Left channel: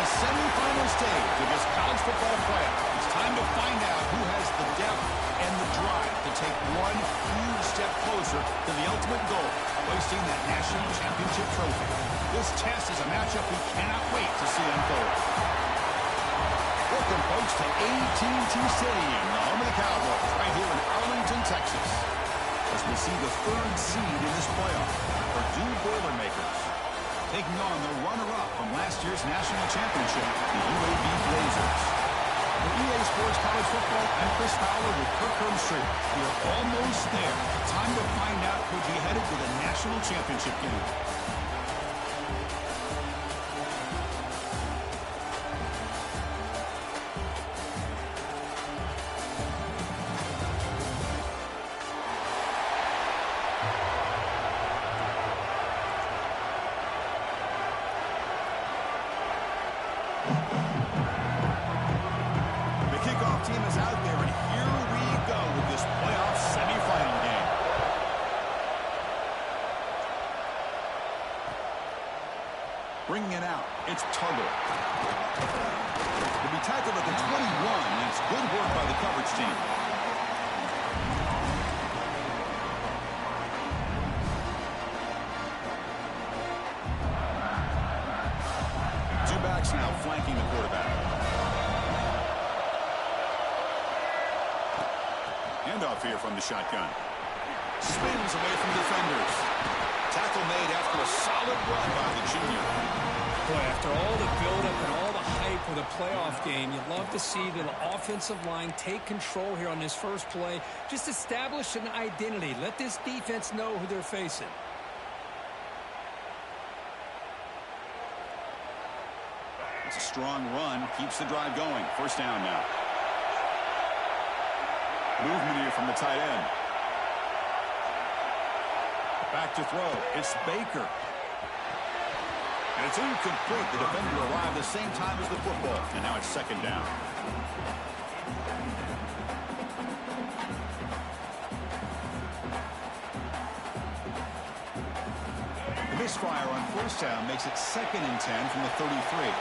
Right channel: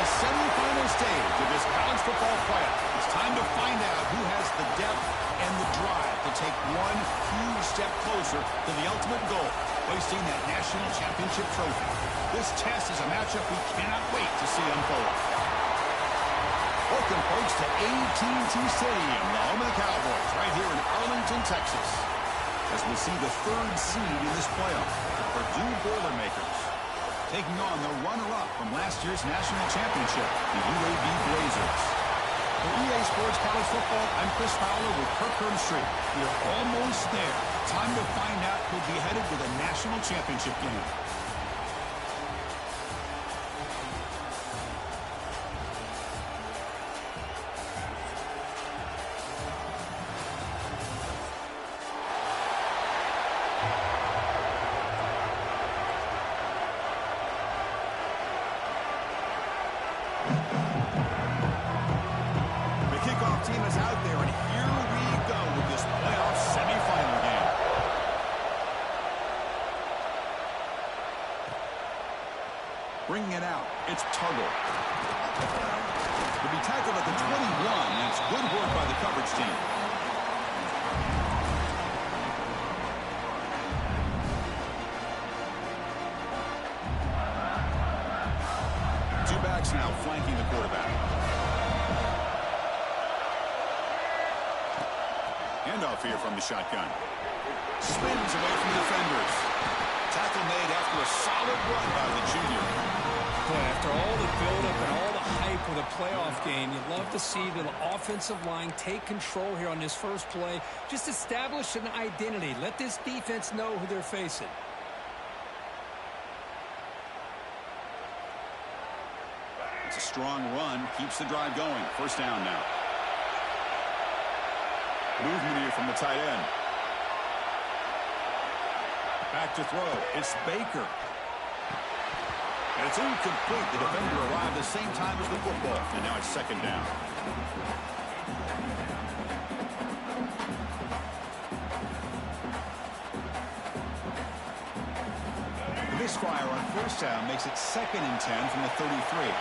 the semifinal stage of this college football playoff. It's time to find out who has the depth and the drive to take one huge step closer to the ultimate goal, hoisting that national championship trophy. This test is a matchup we cannot wait to see unfold. Welcome, folks, to AT&T Stadium, the home of the Cowboys, right here in Arlington, Texas, as we see the third seed in this playoff, the Purdue Boilermakers, taking on the runner-up from last year's national championship, the UAB Blazers. For EA Sports College Football, I'm Chris Fowler with Kirk Herbstreit. We are almost there. Time to find out who'll be headed to the national championship game. Team is out there, and here we go with this playoff semifinal game. Bringing it out, it's Tuggle. To be tackled at the 21, and it's good work by the coverage team. Two backs now flanking the quarterback. Handoff here from the shotgun. Spins away from defenders. Tackle made after a solid run by the junior. Boy, after all the buildup and all the hype with a playoff game, you'd love to see the offensive line take control here on this first play. Just establish an identity. Let this defense know who they're facing. It's a strong run. Keeps the drive going. First down now. Movement here from the tight end. Back to throw. It's Baker. And it's incomplete. The defender arrived the same time as the football. And now it's second down. The misfire on first down makes it 2nd and 10 from the 33.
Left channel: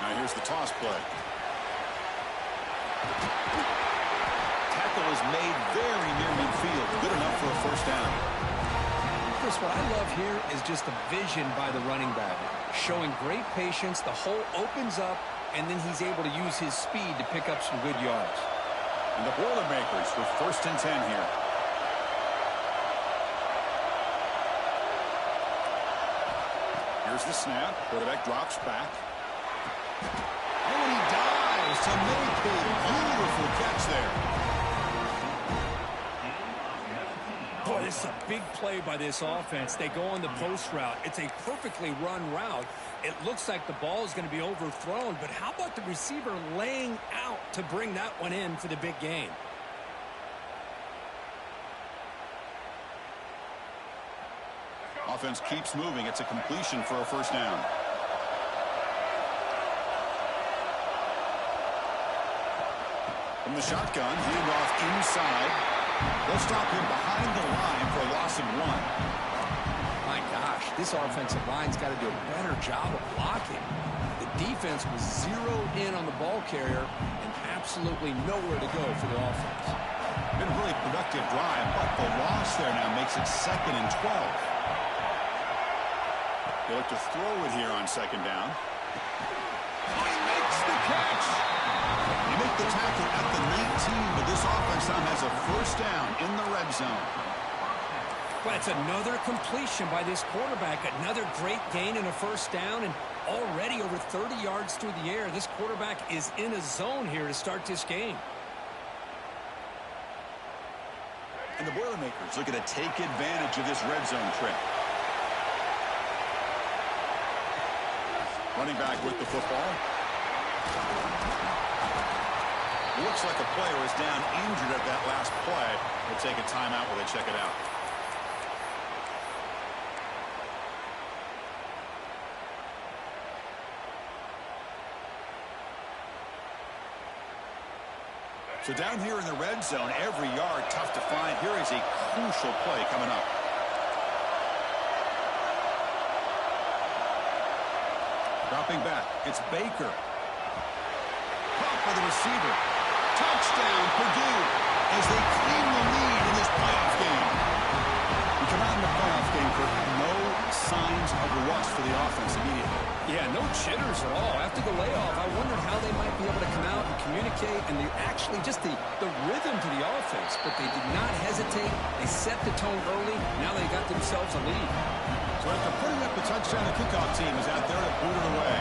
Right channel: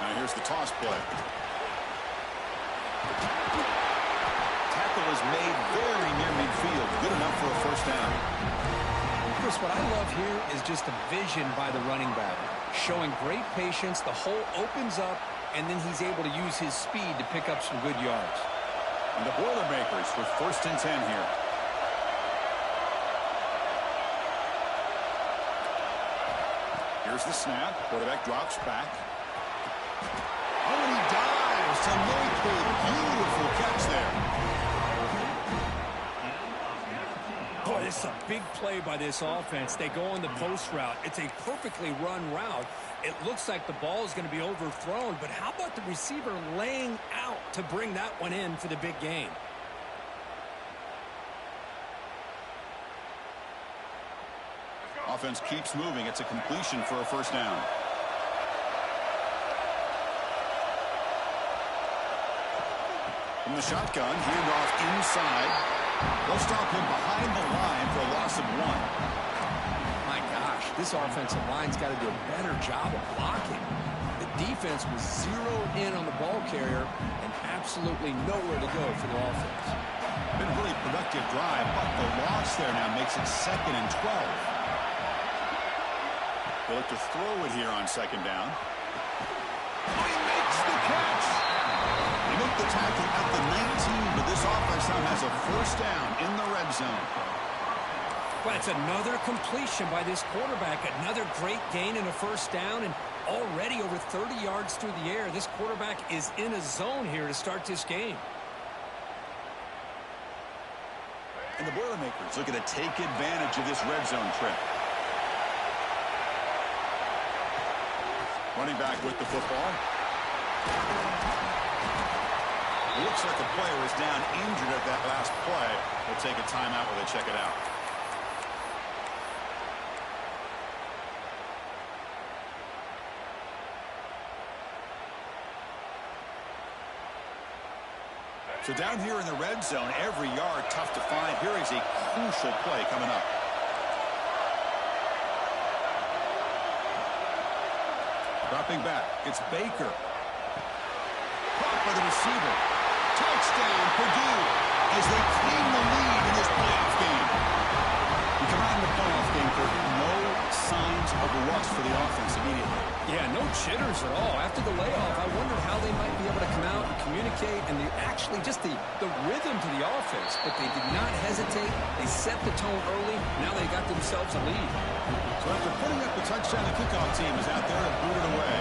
Now here's the toss play. Tackle is made very near midfield. Good enough for a first down. Chris, what I love here is just the vision by the running back. Showing great patience. The hole opens up, and then he's able to use his speed to pick up some good yards. And the Boilermakers with 1st and 10 here. Here's the snap. Quarterback drops back. Oh, and he dives to make a beautiful catch there. Boy, this is a big play by this offense. They go on the post route. It's a perfectly run route. It looks like the ball is going to be overthrown, but how about the receiver laying out to bring that one in for the big game? Offense keeps moving. It's a completion for a first down. From the shotgun, handoff inside. They'll stop him behind the line for a loss of 1. My gosh, this offensive line's got to do a better job of blocking. The defense was zeroed in on the ball carrier and absolutely nowhere to go for the offense. Been a really productive drive, but the loss there now makes it 2nd and 12. They look to throw it here on 2nd down. Oh, he makes the catch. They make the tackle at the 19, but this offense now has a first down in the red zone. Well, it's another completion by this quarterback. Another great gain in a first down, and already over 30 yards through the air. This quarterback is in a zone here to start this game. And the Boilermakers looking to take advantage of this red zone trip. Running back with the football. Looks like a player is down injured at that last play. They'll take a timeout while they check it out. So down here in the red zone, every yard tough to find. Here is a crucial play coming up. Dropping back, it's Baker. Caught by the receiver. Touchdown, Purdue, as they claim the lead in this playoff game. We come out in the playoff game for no signs of rust for the offense immediately. Yeah, no jitters at all. After the layoff, I wondered how they might be able to come out and communicate and actually just the rhythm to the offense. But they did not hesitate. They set the tone early. Now they got themselves a lead. So after putting up the touchdown, the kickoff team is out there to boot it away.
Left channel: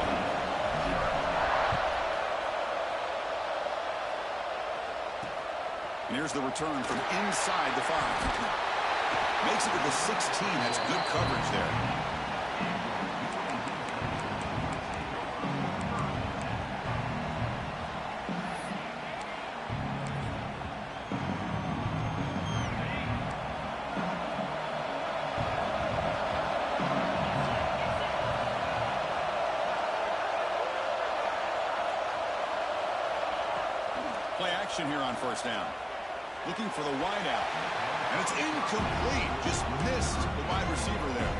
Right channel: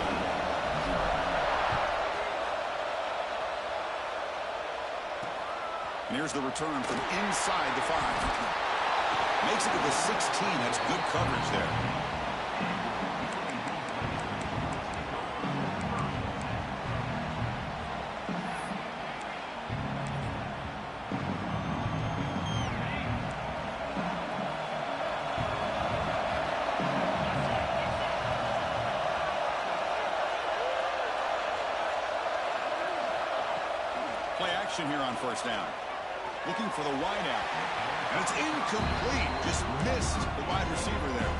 And here's the return from inside the 5. Makes it to the 16. That's good coverage there. Play action here on first down. Looking for the wide out. And it's incomplete. Just missed the wide receiver there.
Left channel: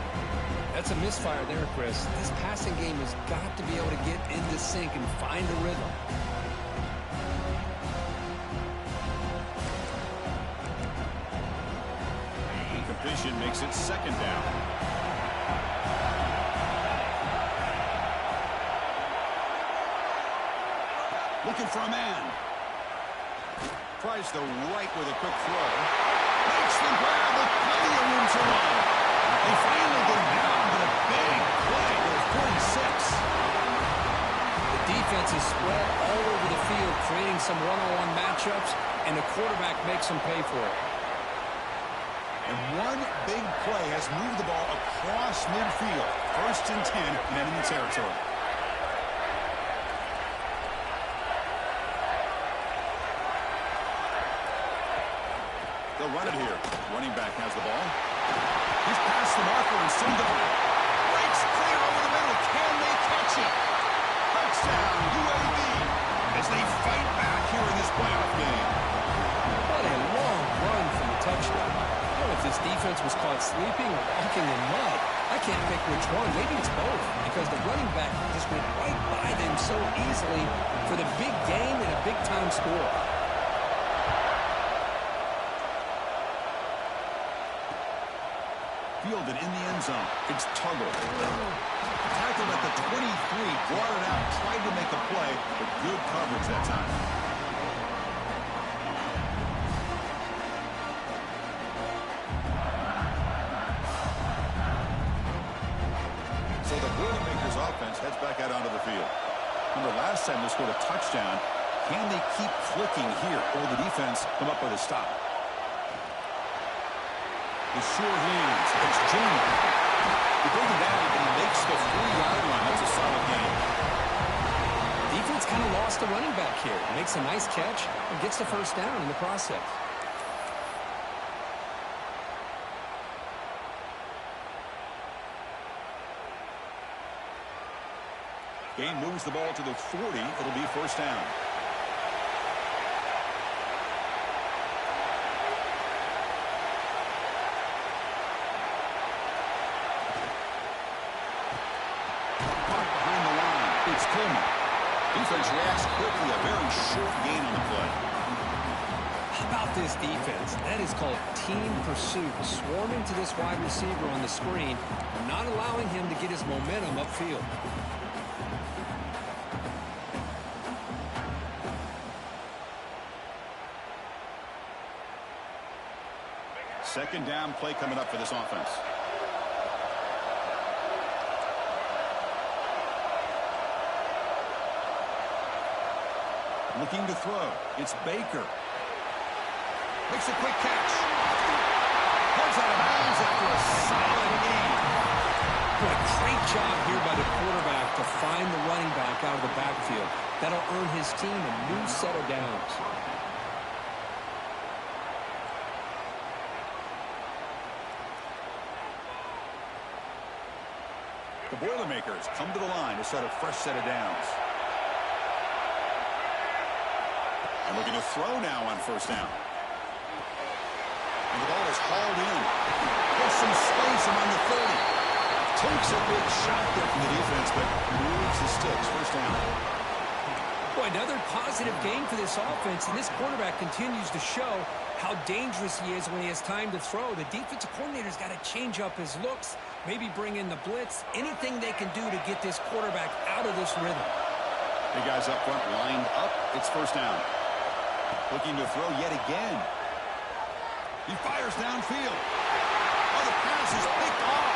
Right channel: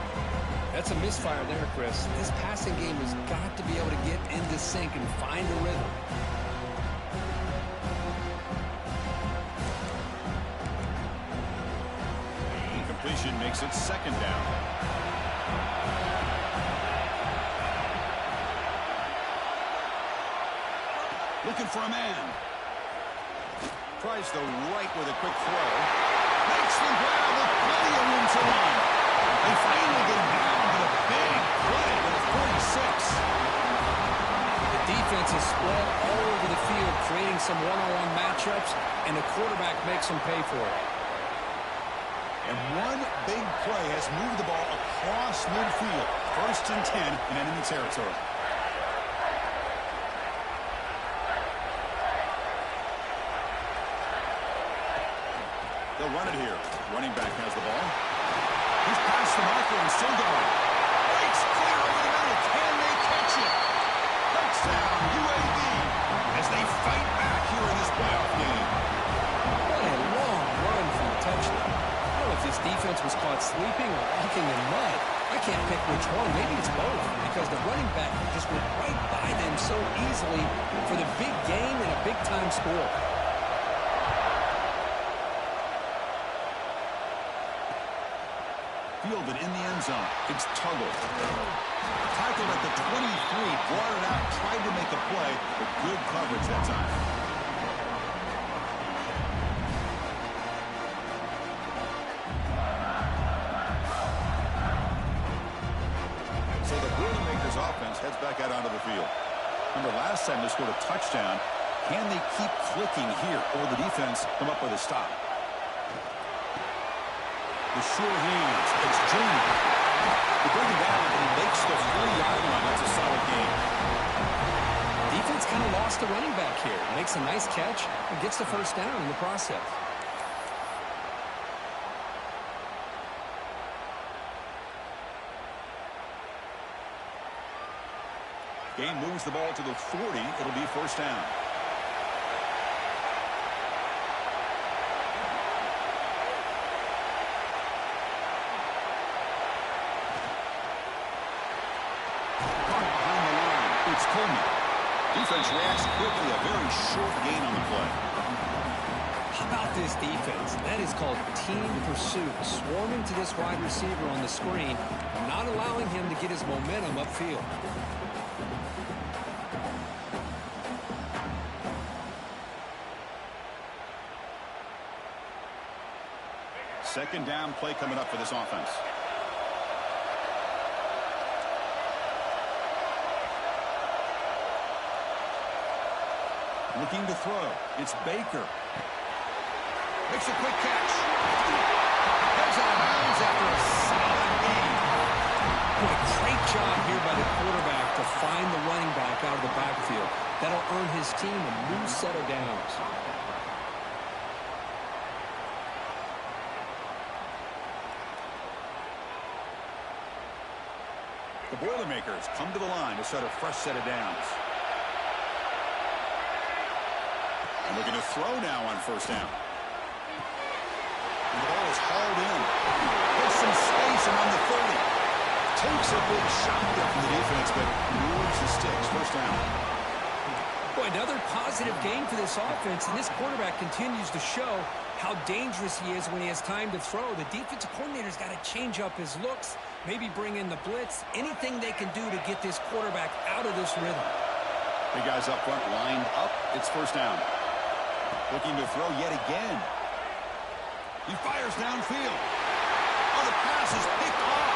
That's a misfire there, Chris. This passing game has got to be able to get into sync and find a rhythm. Incompletion makes it second down. Looking for a man. Tries the right with a quick throw. Makes the grab with plenty of room to run. They finally get him down, but a big play to the 46. The defense is spread all over the field, creating some one-on-one matchups, and the quarterback makes them pay for it. And one big play has moved the ball across midfield. 1st and 10 in enemy territory. They'll run it here. Running back has the ball. He's past the marker and still going. Breaks clear over the middle. Can they catch it? Touchdown, UAB, as they fight back here in this playoff game. What a long run from the touchdown. I don't know if this defense was caught sleeping or walking in mud. I can't pick which one. Maybe it's both, because the running back just went right by them so easily for the big game and a big-time score. Fielded in the end zone. It's Tuggle. Tackled at the 23, brought it out, tried to make a play, but good coverage that time. So the Boilermakers offense heads back out onto the field. Remember, last time they scored a touchdown. Can they keep clicking here, or will the defense come up with a stop? The sure hands. It's Junior. They bring him down, but he makes the 3-yard line. That's a solid game. Defense kind of lost the running back here. Makes a nice catch and gets the first down in the process. Game moves the ball to the 40. It'll be first down. It's Coleman. Defense reacts quickly. A very short gain on the play. How about this defense? That is called team pursuit. Swarming to this wide receiver on the screen and not allowing him to get his momentum upfield. Second down play coming up for this offense. Looking to throw. It's Baker. Makes a quick catch. Heads out of bounds after a solid game. Boy, great job here by the quarterback to find the running back out of the backfield. That'll earn his team a new set of downs. The Boilermakers come to the line to set a fresh set of downs. And looking to throw now on first down. And the ball is hauled in. There's some space around the 30. Takes a big shot there from the defense, but moves the sticks. First down. Boy, another positive game for this offense, and this quarterback continues to show how dangerous he is when he has time to throw. The defensive coordinator's got to change up his looks, maybe bring in the blitz, anything they can do to get this quarterback out of this rhythm. The guys up front lined up. It's first down. Looking to throw yet again. He fires downfield. Oh, the pass is picked off.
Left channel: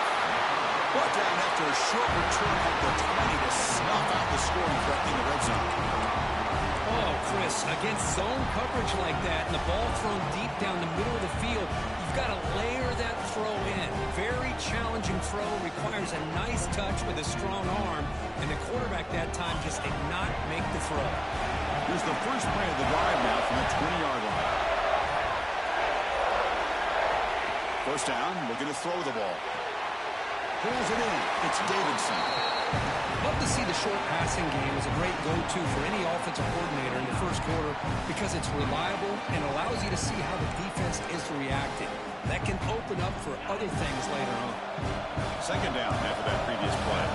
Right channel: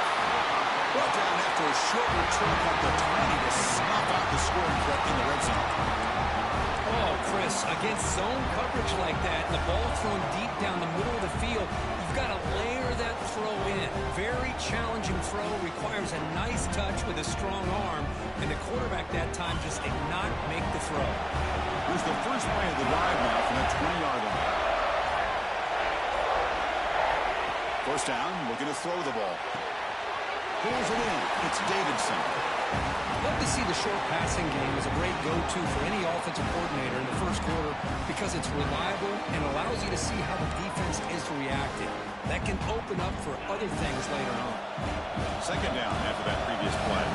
Brought down after a short return at the 20 to snuff out the scoring threat in the red zone. Oh, Chris, against zone coverage like that and the ball thrown deep down the middle of the field, you've got to layer that throw in. Very challenging throw, requires a nice touch with a strong arm, and the quarterback that time just did not make the throw. Here's the first play of the drive now from the 20-yard line. First down, looking to throw the ball. Pulls it in. It's Davidson. Love to see the short passing game as a great go-to for any offensive coordinator in the first quarter because it's reliable and allows you to see how the defense is reacting. That can open up for other things later on. Second down after that previous play.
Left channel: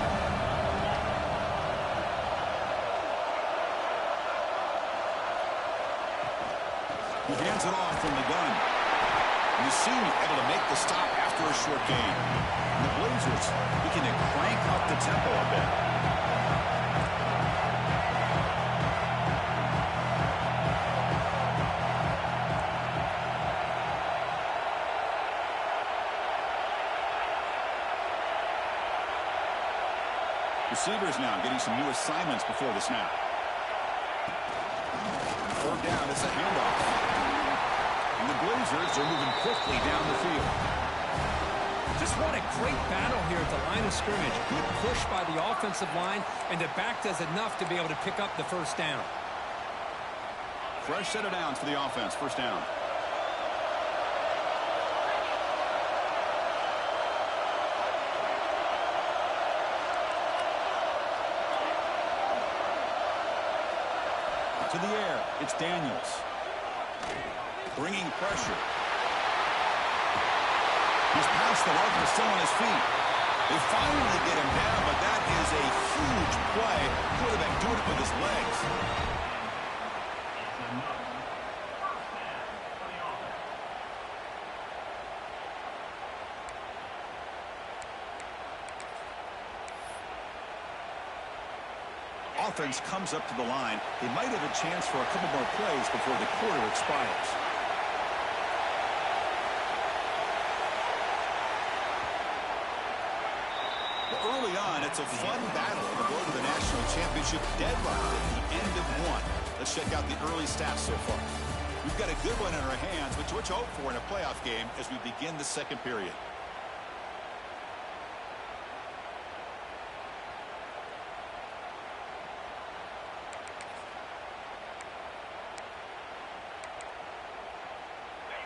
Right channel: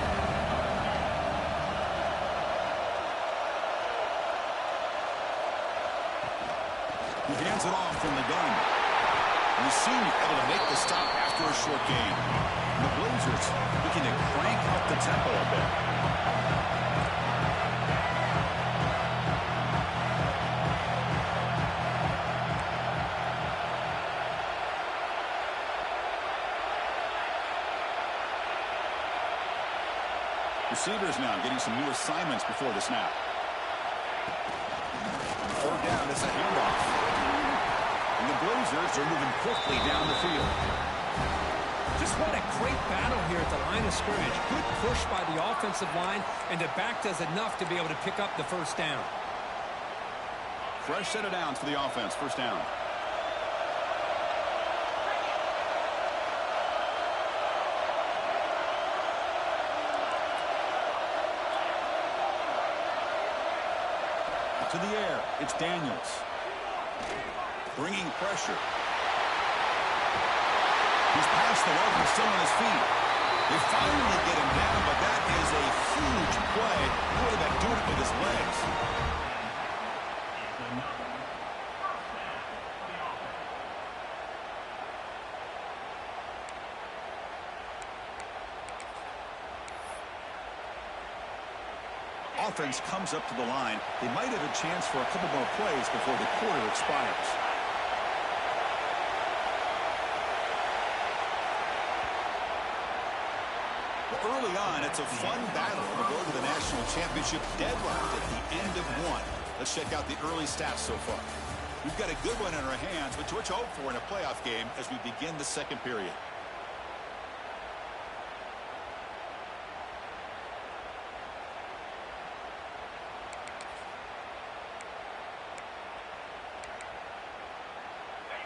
He hands it off from the gun. And the senior able to make the stop after a short gain. And the Blazers looking to crank up the tempo a bit. Receivers now getting some new assignments before the snap. Third down, it's a handoff. And the Blazers are moving quickly down the field. Just what a great battle here at the line of scrimmage. Good push by the offensive line, and the back does enough to be able to pick up the first down. Fresh set of downs for the offense. First down. To the air, it's Daniels. Bringing pressure. He's past the level, still on his feet. They finally get him down, but that is a huge play. Quarterback doing it with his legs. Offense comes up to the line. They might have a chance for a couple more plays before the quarter expires. Well, early on, it's a fun battle to go to the national championship deadlocked at the end of one. Let's check out the early stats so far. We've got a good one in our hands, but what to hope for in a playoff game as we begin the second period.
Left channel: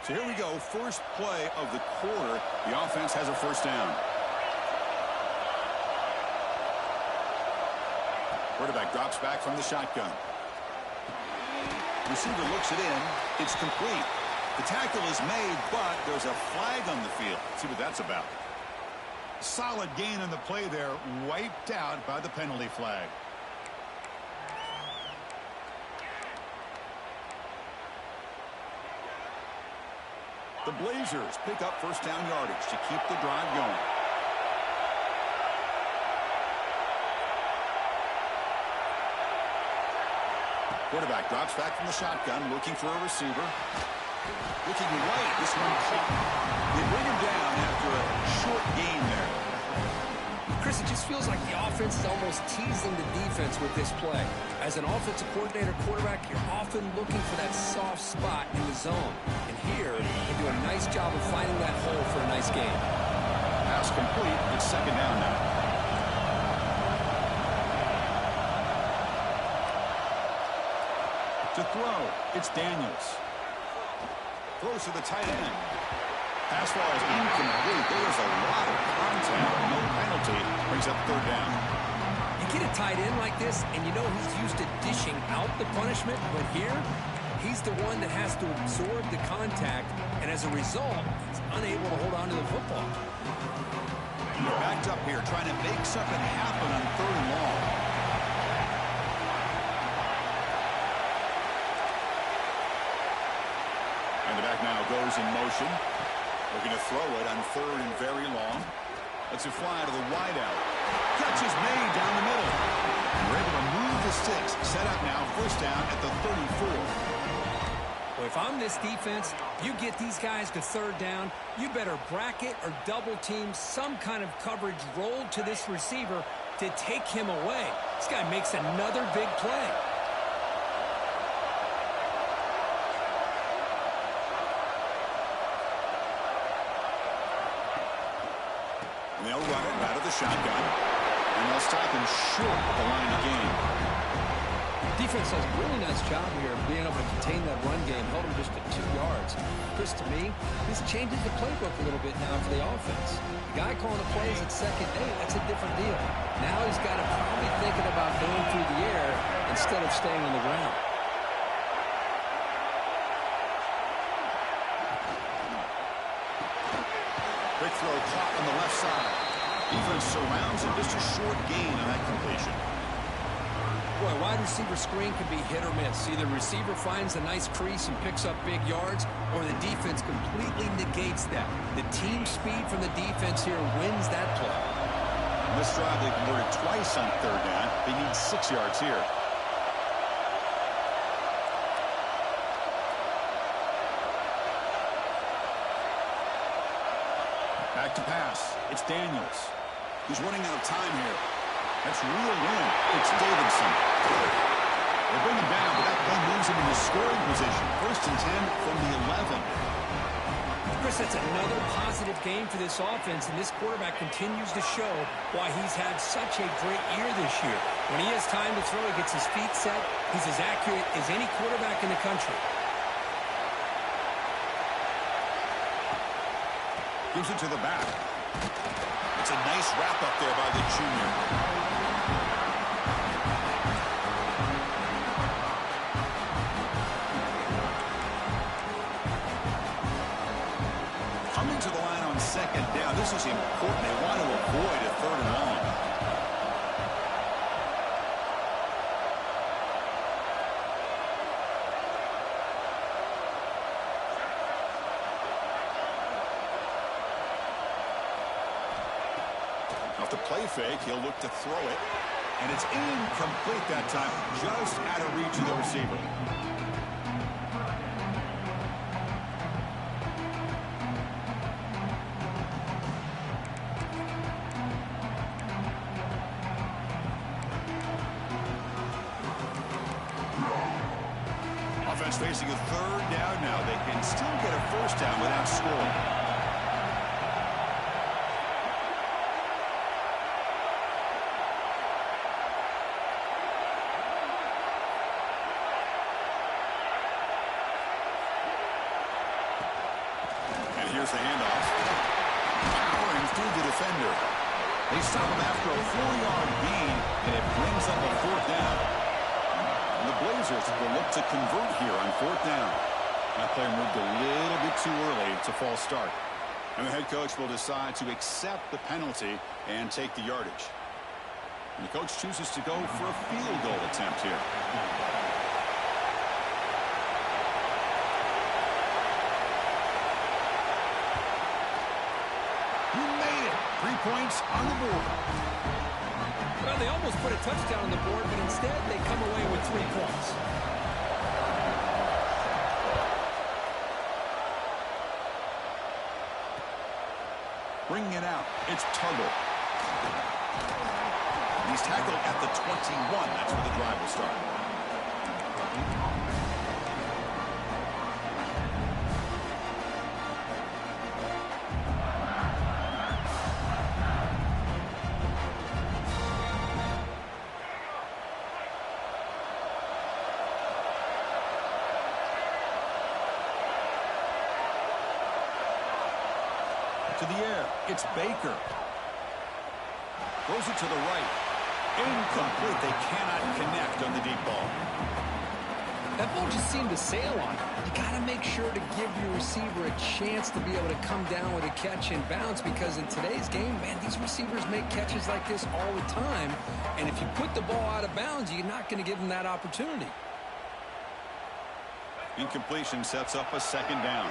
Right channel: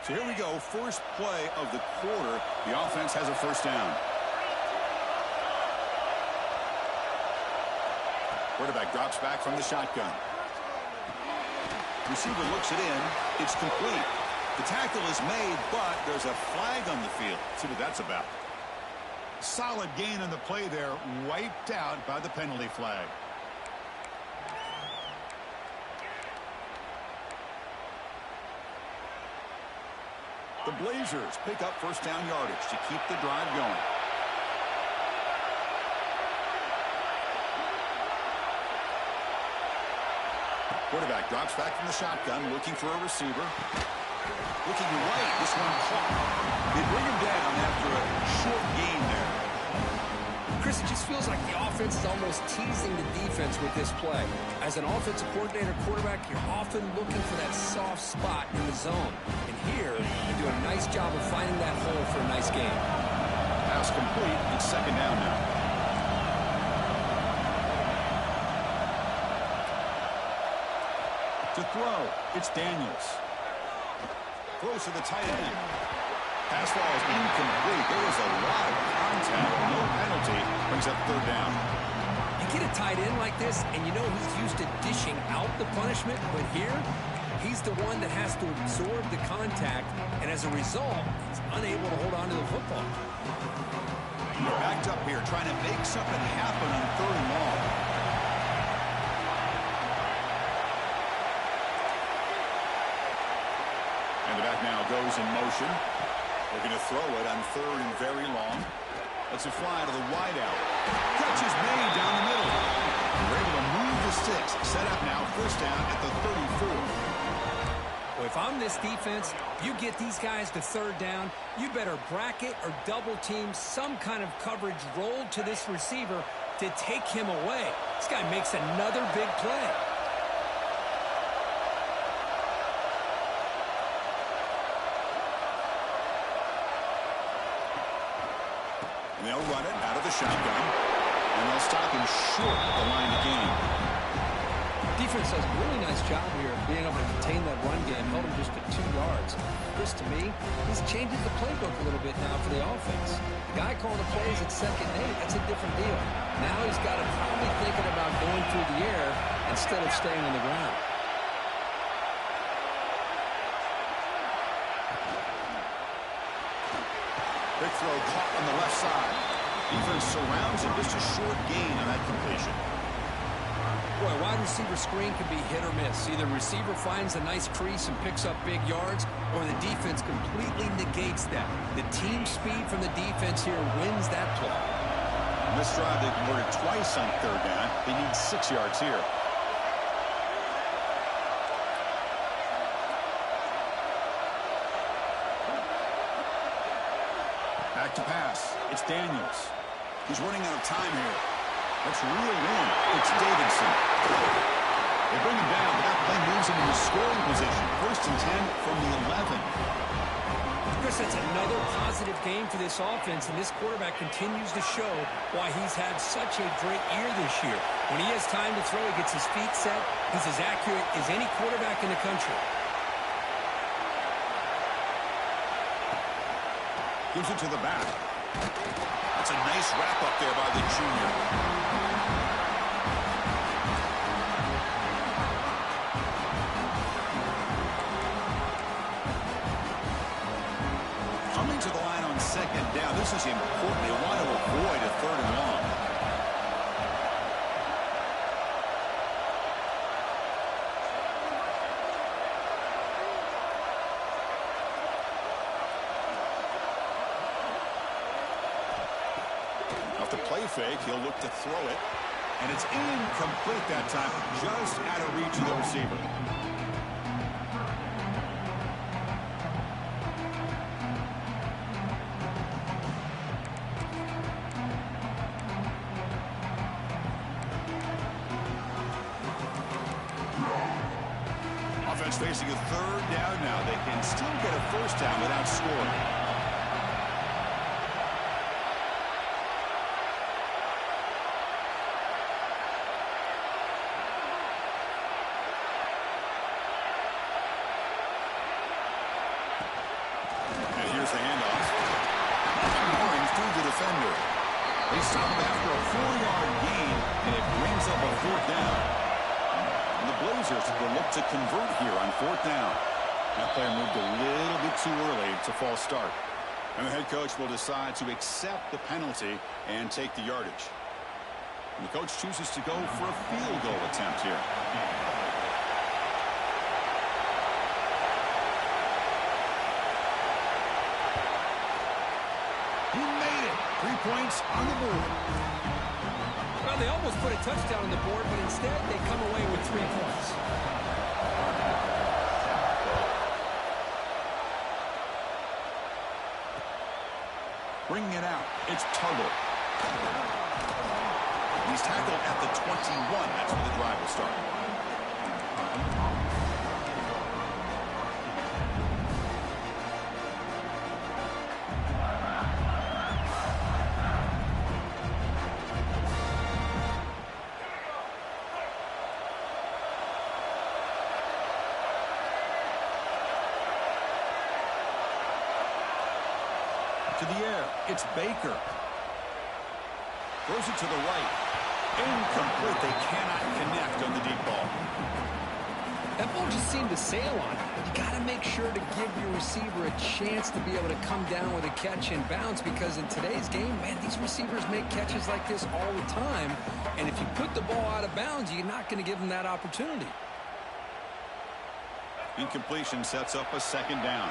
So here we go, first play of the quarter. The offense has a first down. Quarterback drops back from the shotgun. Receiver looks it in. It's complete. The tackle is made, but there's a flag on the field. See what that's about. Solid gain on the play there, wiped out by the penalty flag. The Blazers pick up first down yardage to keep the drive going. Quarterback drops back from the shotgun, looking for a receiver. Looking right, this one caught. They bring him down after a short gain there. Chris, it just feels like the offense is almost teasing the defense with this play. As an offensive coordinator quarterback, you're often looking for that soft spot in the zone. And here, they do a nice job of finding that hole for a nice gain. Pass complete. It's second down now. To throw, it's Daniels. Throws to the tight end. Pass ball is incomplete. There was a lot of contact. No penalty. Brings up third down. You get a tight end like this, and you know he's used to dishing out the punishment, but here, he's the one that has to absorb the contact, and as a result, he's unable to hold on to the football. Backed up here, trying to make something happen on 3rd and long. And the back now goes in motion. Looking to throw it on 3rd and very long. Lets it fly to the wideout. Catch is made down the middle. We're able to move the sticks. Set up now, 1st down at the 34. Well, if I'm this defense, you get these guys to 3rd down, you better bracket or double team some kind of coverage rolled to this receiver to take him away. This guy makes another big play. And they'll run it out of the shotgun. And they'll stop him short of the line of game. Defense does a really nice job here of being able to contain that run game. Held him just to 2 yards. Chris, to me, this changes the playbook a little bit now for the offense. The guy calling the plays at 2nd and 8, that's a different deal. Now he's got to probably thinking about going through the air instead of staying on the ground. Quick throw caught on the left side. Defense surrounds him. Just a short gain on that completion. Boy, wide receiver screen can be hit or miss. Either receiver finds a nice crease and picks up big yards, or the defense completely negates that. The team speed from the defense here wins that play. On this drive, they converted twice on 3rd down. They need 6 yards here. Back to pass. It's Daniels. He's running out of time here. That's reeled in. It's Davidson. They bring him down, but that play moves him into scoring position. 1st and 10 from the 11. Chris, that's another positive game for this offense, and this quarterback continues to show why he's had such a great year this year. When he has time to throw, he gets his feet set. He's as accurate as any quarterback in the country. Gives it to the back. That's a nice wrap up there by the junior. Coming to the line on 2nd down. This is important. They want to avoid a 3rd and long. Off the play fake, he'll look to throw it. And it's incomplete that time. Just out of reach of the receiver. Offense facing a 3rd down now. They can still get a 1st down without scoring. And here's the handoff. Powering through the defender. They stop him after a 4-yard gain, and it brings up a 4th down. And the Blazers will look to convert here on 4th down. That player moved a little bit too early. It's a false start. And the head coach will decide to accept the penalty and take the yardage. And the coach chooses to go for a field goal attempt here. He made it. 3 points on the board. Well, they almost put a touchdown on the board, but instead they come away with 3 points. Bringing it out, it's Tuggle. He's tackled at the 21. That's where the drive will start. To the air, it's Baker. Throws it to the right. Incomplete. They cannot connect on the deep ball. That ball just seemed to sail on it. You got to make sure to give your receiver a chance to be able to come down with a catch and bounce, because in today's game, man, these receivers make catches like this all the time. And if you put the ball out of bounds, you're not going to give them that opportunity. Incompletion sets up a second down.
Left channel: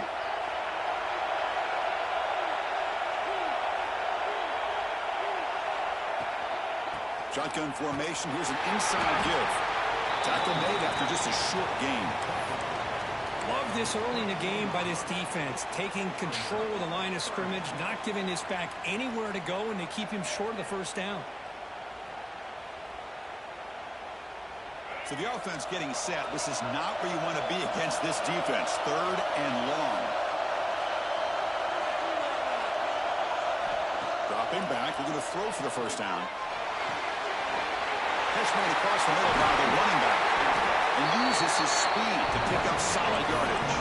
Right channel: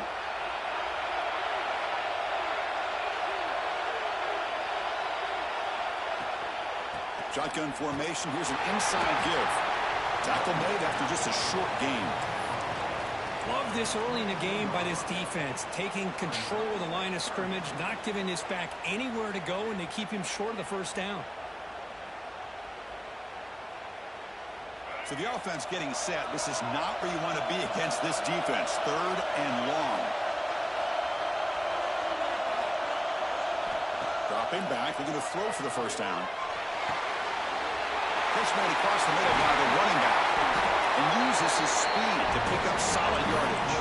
Shotgun formation. Here's an inside give. Tackle made after just a short gain. Love this early in the game by this defense, taking control of the line of scrimmage, not giving this back anywhere to go, and they keep him short of the first down. So the offense getting set. This is not where you want to be against this defense. 3rd and long. Dropping back, looking to throw for the first down. Catch made across the middle by the running back, and uses his speed to pick up solid yardage.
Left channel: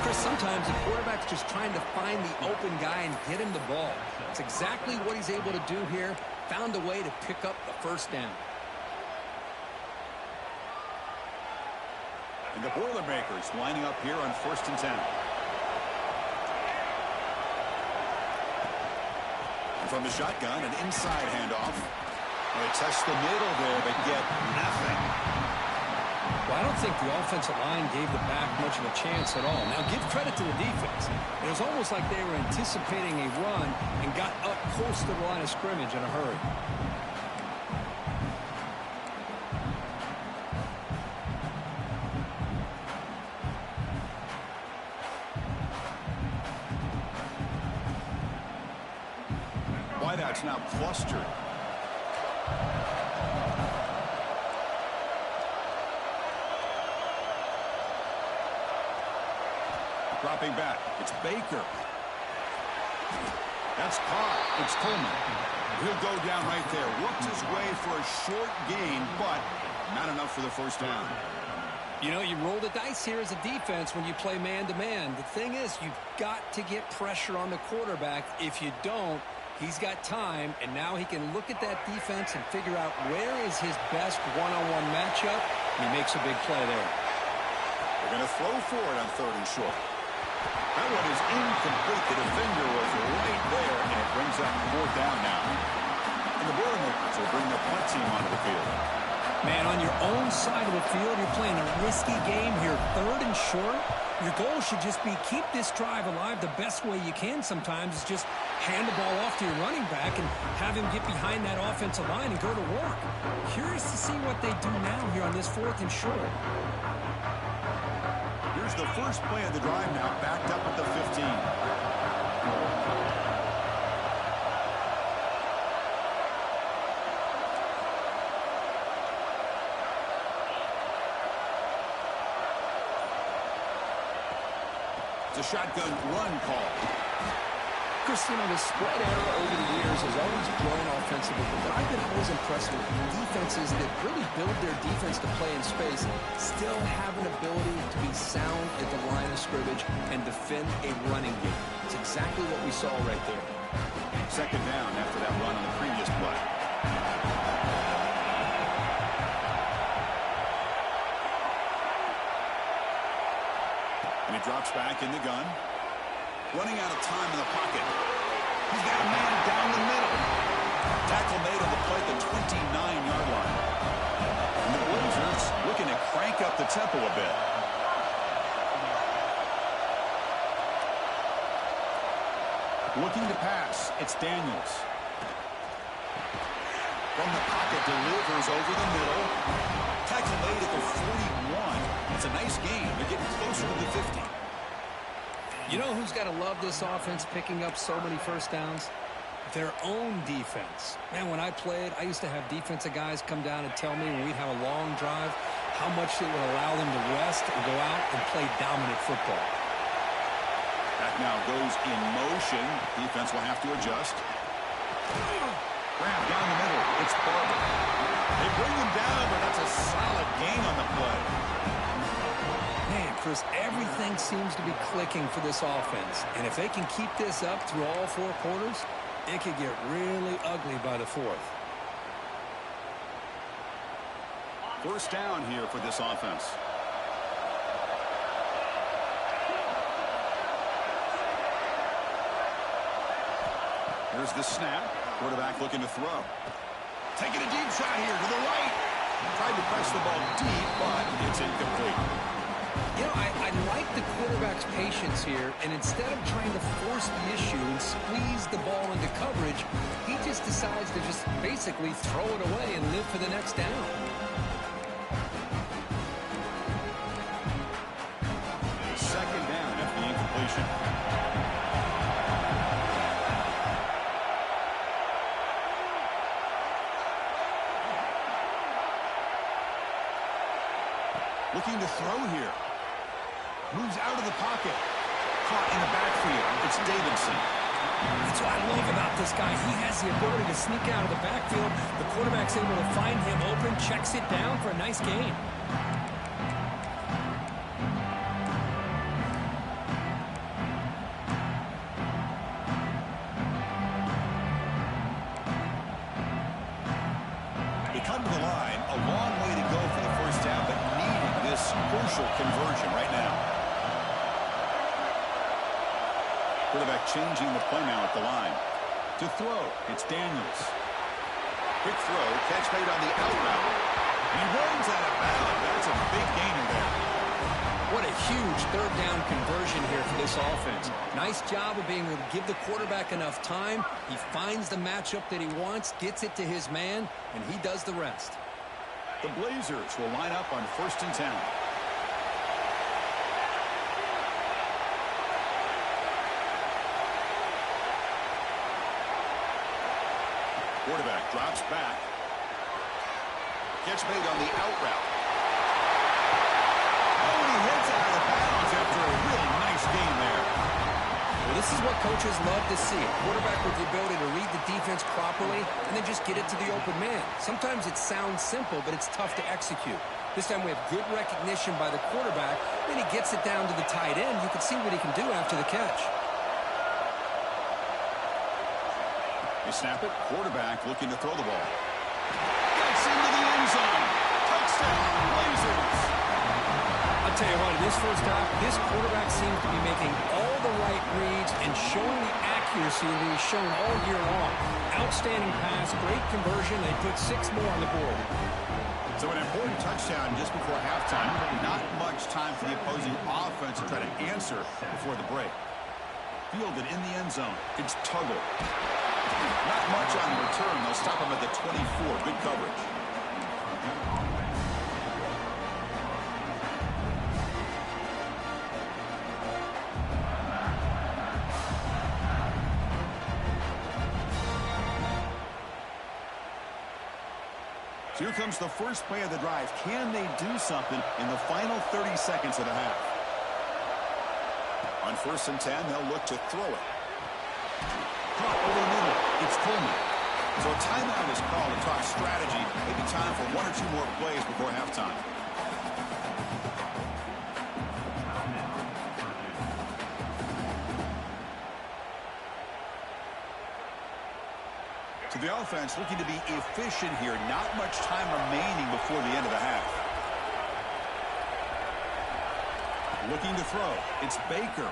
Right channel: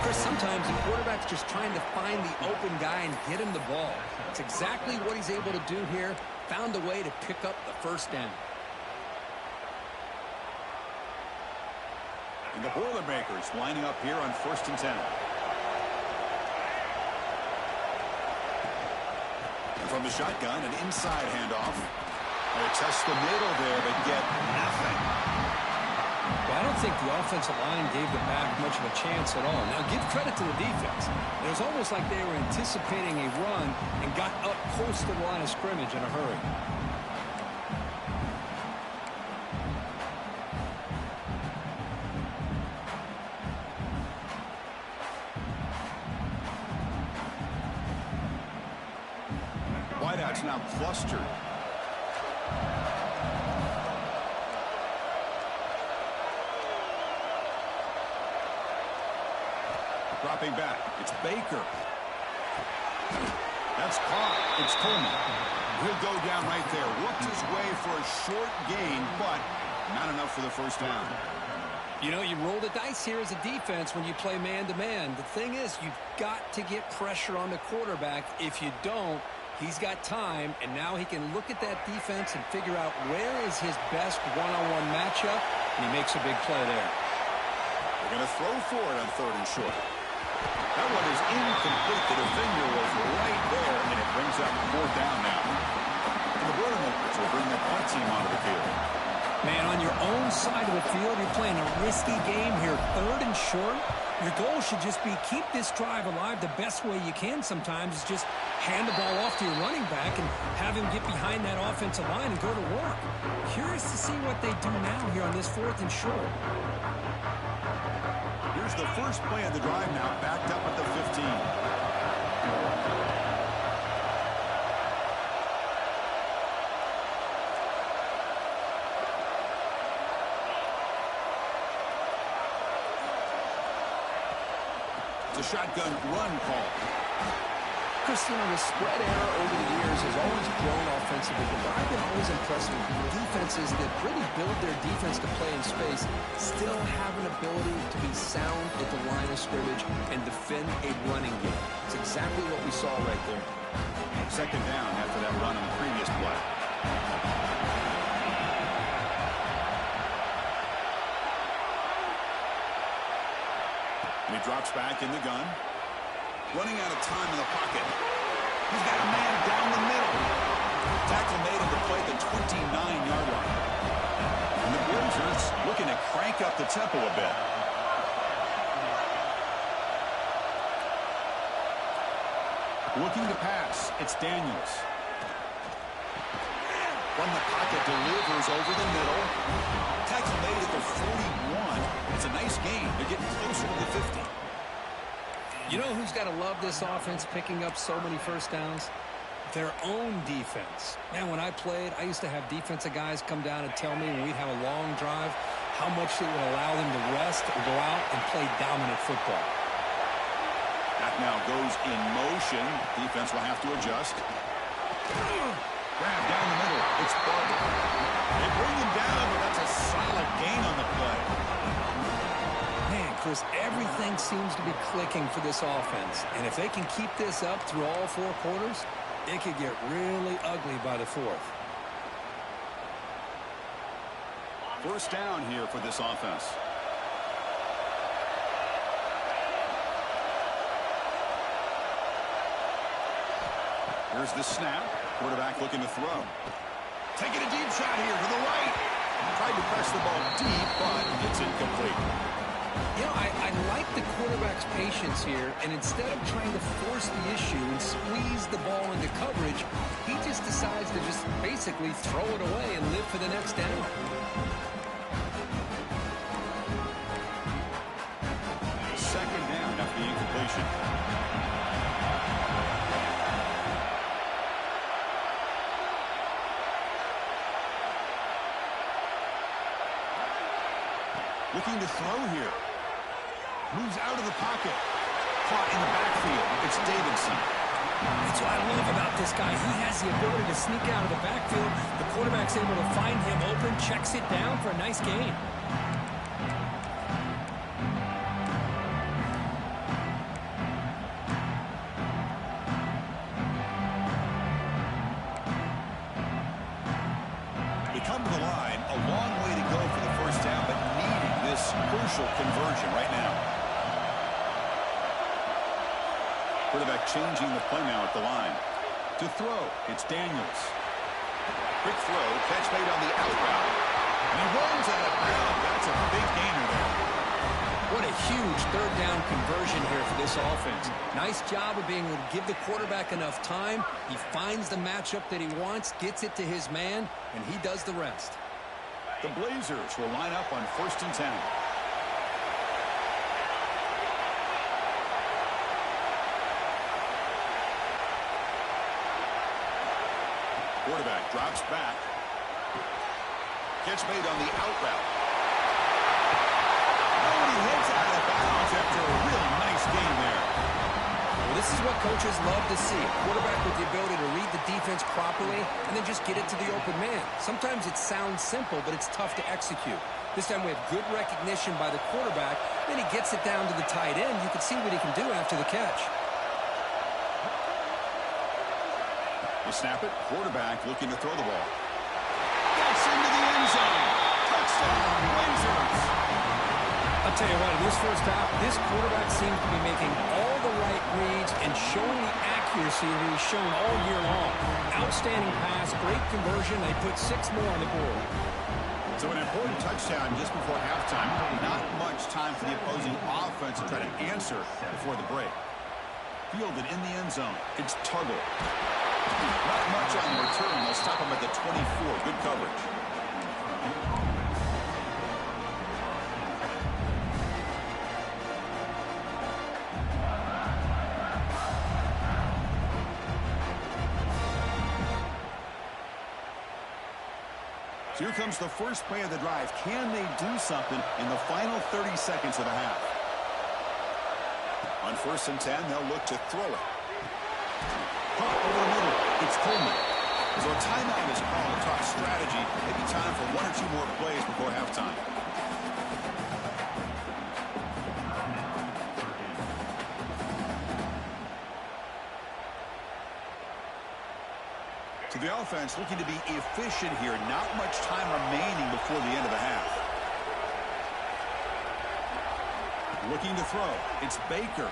Chris, sometimes the quarterback's just trying to find the open guy and get him the ball. It's exactly what he's able to do here. Found a way to pick up the first down. And the Boilermakers lining up here on 1st and 10. And from the shotgun, an inside handoff. They test the middle there, but get nothing. Well, I don't think the offensive line gave the back much of a chance at all. Now, give credit to the defense. It was almost like they were anticipating a run and got up close to the line of scrimmage in a hurry. Wideout's now clustered. Dropping back, it's Baker. That's caught. It's Coleman. He'll go down right there. Worked his way for a short gain, but not enough for the first down. You know, you roll the dice here as a defense when you play man-to-man. The thing is, you've got to get pressure on the quarterback. If you don't, he's got time, and now he can look at that defense and figure out where is his best one-on-one matchup, and he makes a big play there. They're going to throw for it on 3rd and short. That one is incomplete. The defender was right there, and it brings up 4th down now. And the Boilermakers will bring their punt team onto the field. Man, on your own side of the field, you're playing a risky game here. 3rd and short. Your goal should just be keep this drive alive the best way you can sometimes is just hand the ball off to your running back and have him get behind that offensive line and go to work. Curious to see what they do now here on this 4th and short. Here's the first play of the drive now, backed up at the 15. It's a shotgun run call. Chris, you know, the spread era over the years has always grown offensively, but I've been always impressed with defenses that really build their defense to play in space, still have an ability to be sound at the line of scrimmage and defend a running game. It's exactly what we saw right there. Second down after that run on the previous play. And he drops back in the gun. Running out of time in the pocket. He's got a man down the middle. Tackle made on the play at the 29-yard line. And the Blazers looking to crank up the tempo a bit. Looking to pass. It's Daniels. From the pocket, delivers over the middle. Tackle made at the 41. It's a nice gain. They're getting closer to the 50. You know who's got to love this offense picking up so many first downs? Their own defense. Man, when I played, I used to have defensive guys come down and tell me when we'd have a long drive how much it would allow them to rest and go out and play dominant football. That now goes in motion. Defense will have to adjust. Grab down the middle. It's Barber. They bring him down, but that's a solid gain on the play. Man, Chris, everything seems to be clicking for this offense. And if they can keep this up through all 4 quarters, it could get really ugly by the 4th. First down here for this offense. Here's the snap. Quarterback looking to throw. Taking a deep shot here to the right. Tried to press the ball deep, but it's incomplete. You know, I like the quarterback's patience here, and instead of trying to force the issue and squeeze the ball into coverage, he just decides to just basically throw it away and live for the next down. Second down after the incompletion. Looking to throw here. Moves out of the pocket. Caught in the backfield. It's Davidson. That's what I love about this guy. He has the ability to sneak out of the backfield. The quarterback's able to find him open, checks it down for a nice gain. They come to the line. A long way to go for the first down, but needing this crucial conversion right now. Quarterback changing the play now at the line. To throw, it's Daniels. Quick throw, catch made on the out route. And he runs out of bounds. That's a big gainer there. What a huge third down conversion here for this offense. Nice job of being able to give the quarterback enough time. He finds the matchup that he wants, gets it to his man, and he does the rest. The Blazers will line up on 1st and 10. Quarterback drops back. Catch made on the out route. Oh, and he heads out of bounds after a really nice game there. Well, this is what coaches love to see. A quarterback with the ability to read the defense properly and then just get it to the open man. Sometimes it sounds simple, but it's tough to execute. This time we have good recognition by the quarterback. Then he gets it down to the tight end. You can see what he can do after the catch. You snap it. Quarterback looking to throw the ball. Gets into the end zone. Touchdown, Blazers. I'll tell you what, in this first half, this quarterback seems to be making all the right reads and showing the accuracy that he's shown all year long. Outstanding pass, great conversion. They put 6 more on the board. So an important touchdown just before halftime. Not much time for the opposing offense to try to answer before the break. Fielded in the end zone. It's Tuggle. Not much on the return. They'll stop him at the 24. Good coverage. So here comes the first play of the drive. Can they do something in the final 30 seconds of the half? On 1st and 10, they'll look to throw it. Caught over the middle. It's Coleman. So a timeout is called to talk strategy. Maybe time for 1 or 2 more plays before halftime. So the offense looking to be efficient here. Not much time remaining before the end of the half. Looking to throw. It's Baker.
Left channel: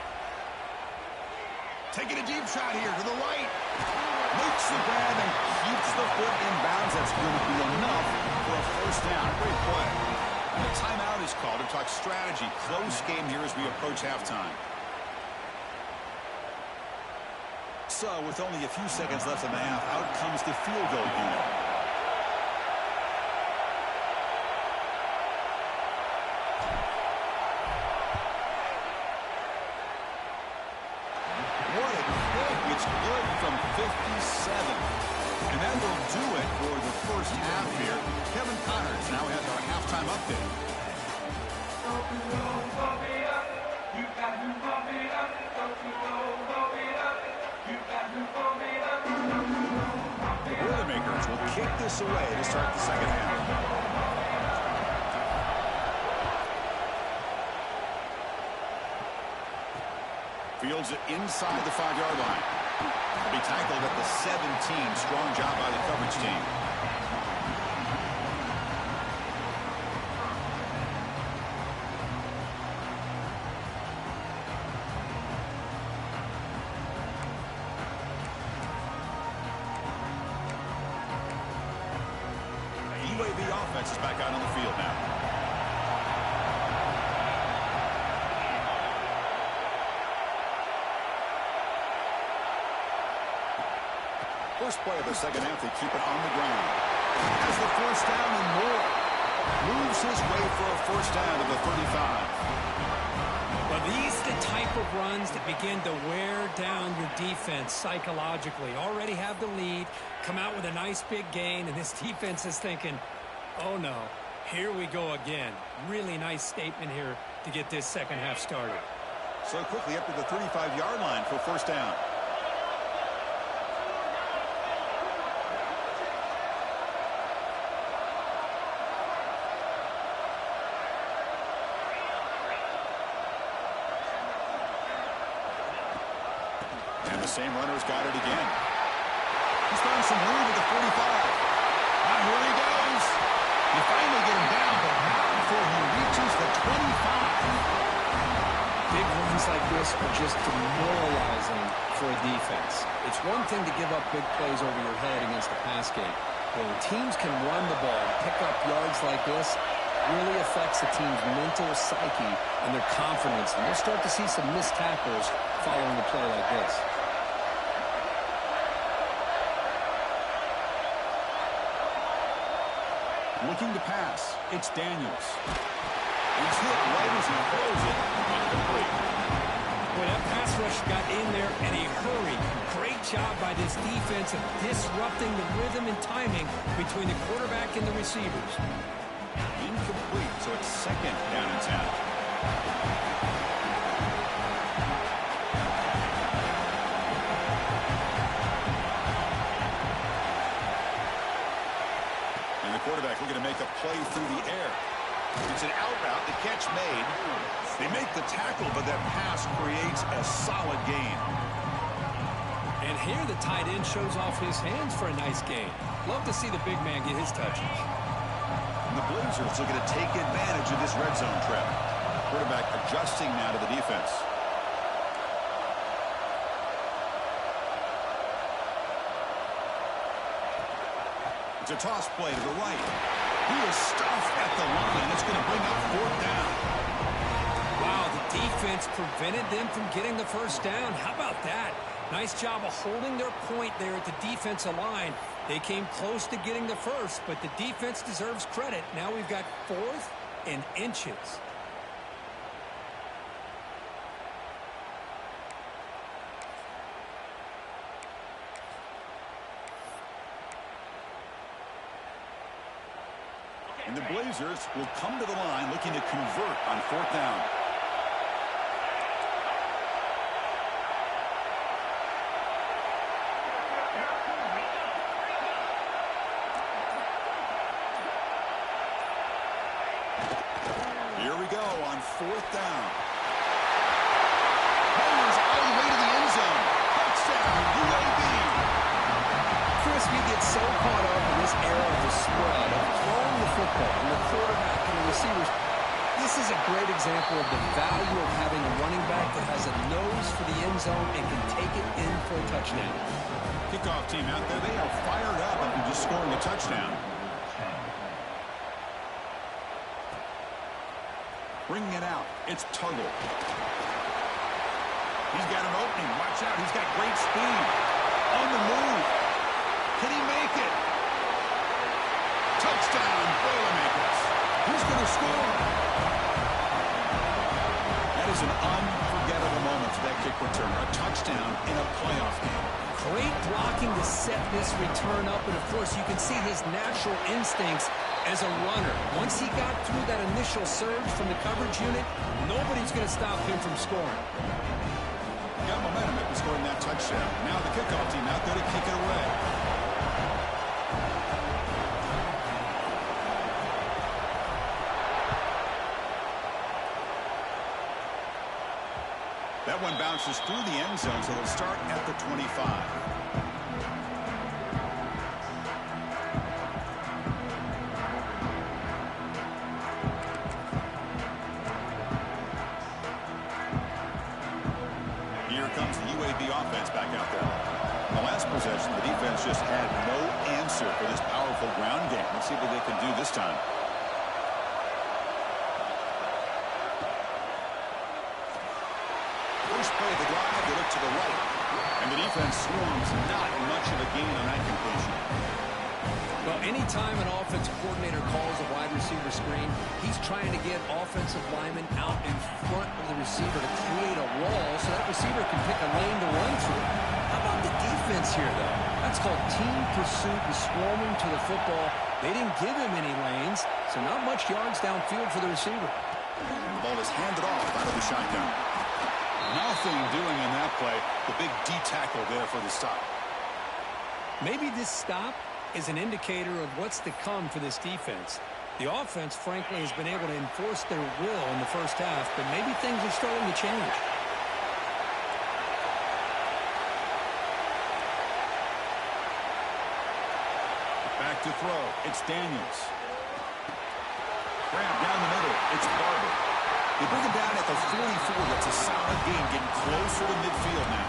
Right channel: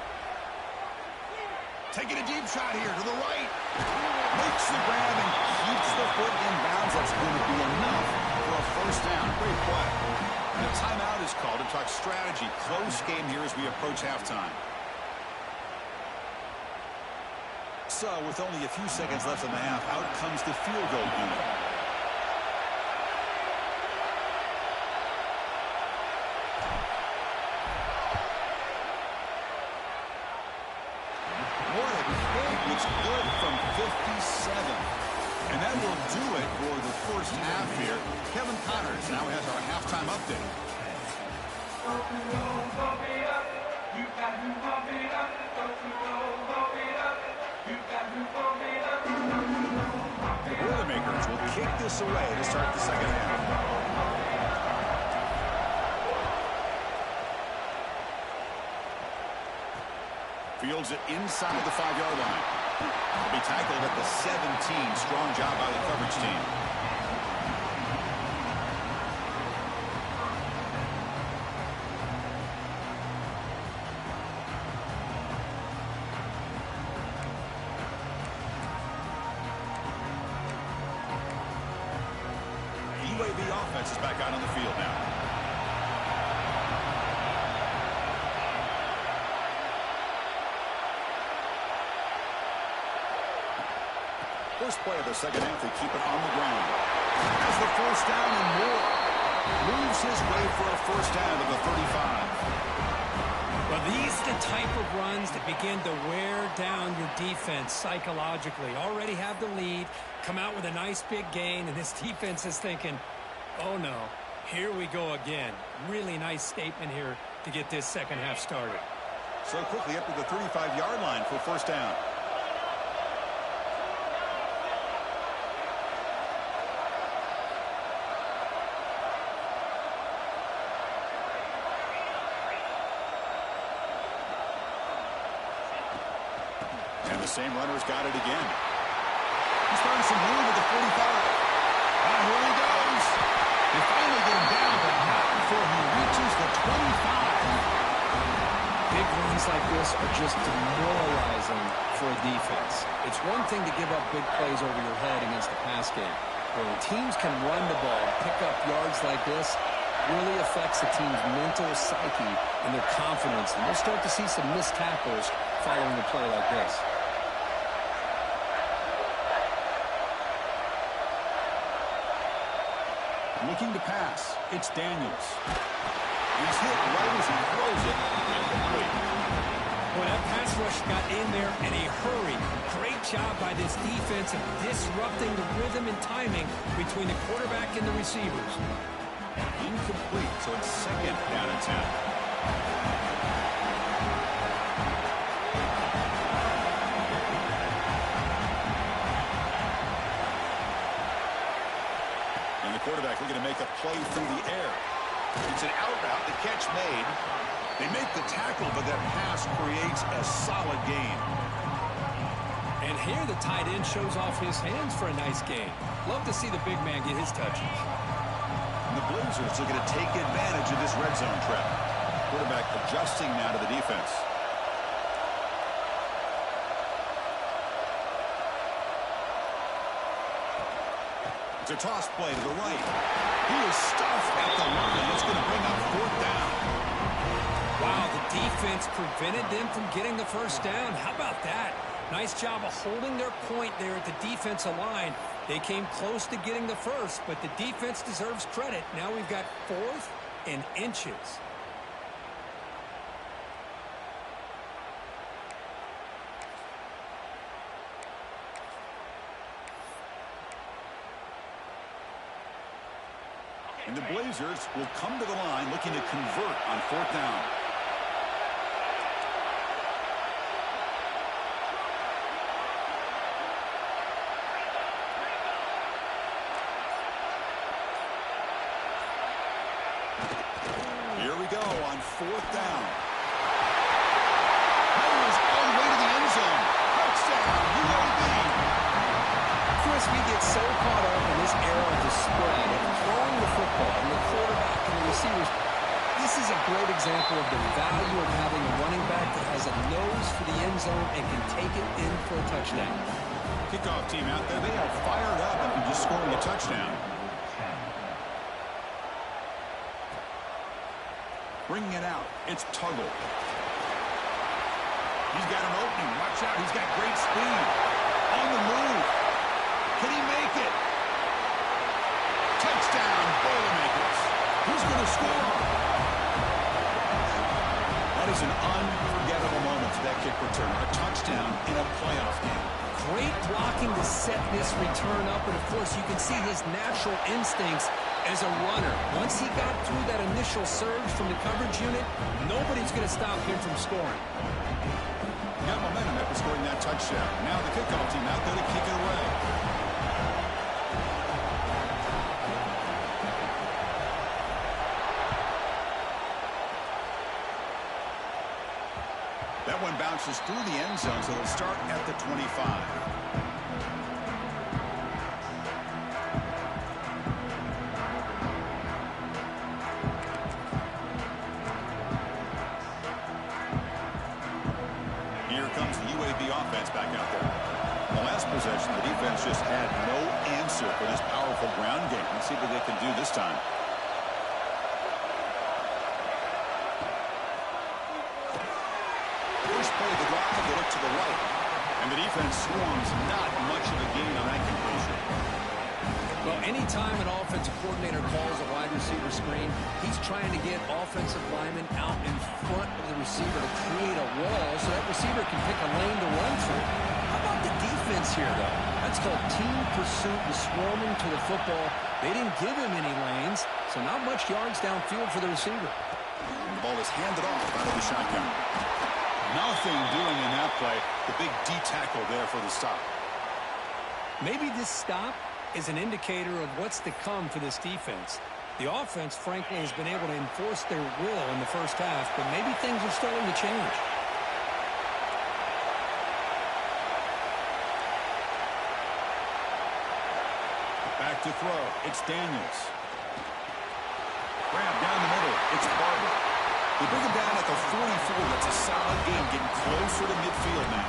Taking a deep shot here to the right. Makes the grab and keeps the foot in bounds. That's going to be enough for a first down. Great play. And a timeout is called to talk strategy. Close game here as we approach halftime. So with only a few seconds left in the half, out comes the field goal unit. What a kick. It's good from 57. And that will do it for the first half here. Kevin Connors now has our halftime update. The Boilermakers will kick this away to start the second half. Fields it inside the 5-yard line. Will be tackled at the 17. Strong job by the coverage team. is back out on the field now. First play of the second half, they keep it on the ground. Has the first down and more. Moves his way for a first down to the 35. Well, these are the type of runs that begin to wear down your defense psychologically. Already have the lead, come out with a nice big gain, and this defense is thinking, oh no, here we go again. Really nice statement here to get this second half started. So quickly up to the 35-yard line for first down. The same runner's got it again. He's found some room at the 45. Here he goes. You finally get him down, but not before he reaches the 25. Big runs like this are just demoralizing for a defense. It's one thing to give up big plays over your head against the pass game. But when teams can run the ball and pick up yards like this, really affects the team's mental psyche and their confidence. And you'll start to see some missed tackles following a play like this. Looking to pass. It's Daniels. He's hit right as he throws it. Incomplete. Well, that pass rush got in there in a hurry. Great job by this defense of disrupting the rhythm and timing between the quarterback and the receivers. Incomplete, so it's second down and 10. And the quarterback looking to make a play through the air. It's an out route, the catch made. They make the tackle, but that pass creates a solid gain. And here the tight end shows off his hands for a nice gain. Love to see the big man get his touches. And the Blazers looking to take advantage of this red zone trap. Quarterback adjusting now to the defense. It's a toss play to the right. He is stuffed at the line. It's going to bring up fourth down. Wow, the defense prevented them from getting the first down. How about that? Nice job of holding their point there at the defensive line. They came close to getting the first, but the defense deserves credit. Now we've got fourth and inches. And the Blazers will come to the line looking to convert on fourth down. Here we go on fourth down. Powers all the way to the end zone. Touchdown, UAB. Chris, we get so caught up in this era of the spread, of throwing the football, and the quarterback and the receivers. This is a great example of the value of having a running back that has a nose for the end zone and can take it in for a touchdown. Kickoff team out there, they are fired up after just scoring a touchdown. Bringing it out, it's Tuggle. He's got an opening. Watch out, he's got great speed. On the move. Can he make it? Touchdown, Boilermakers. Who's going to score? That is an unforgettable moment for that kick return. A touchdown in a playoff game. Great blocking to set this return up, and of course you can see his natural instincts as a runner. Once he got through that initial surge from the coverage unit, nobody's going to stop him from scoring. Got momentum after scoring that touchdown. Now the kickoff team out there to kick it away. That one bounces through the end zone, so they'll start at the 25. Here comes the UAB offense back out there. In the last possession, the defense just had no answer for this powerful ground game. Let's see what they can do this time. First play of the drive, they look to the right. And the defense swarms, not much of a gain on that completion. Well, anytime an offensive coordinator calls a wide receiver screen, he's trying to get offensive linemen out in front of the receiver to create a wall so that receiver can pick a lane to run through. How about the defense here, though? That's called team pursuit and swarming to the football. They didn't give him any lanes, so not much yards downfield for the receiver. And the ball is handed off out of the shotgun. Nothing doing in that play. The big D tackle there for the stop. Maybe this stop is an indicator of what's to come for this defense. The offense, frankly, has been able to enforce their will in the first half, but maybe things are starting to change. Back to throw. It's Daniels. Grab down the middle. It's Barber. They bring him down at the 44. That's a solid gain, getting closer to midfield now.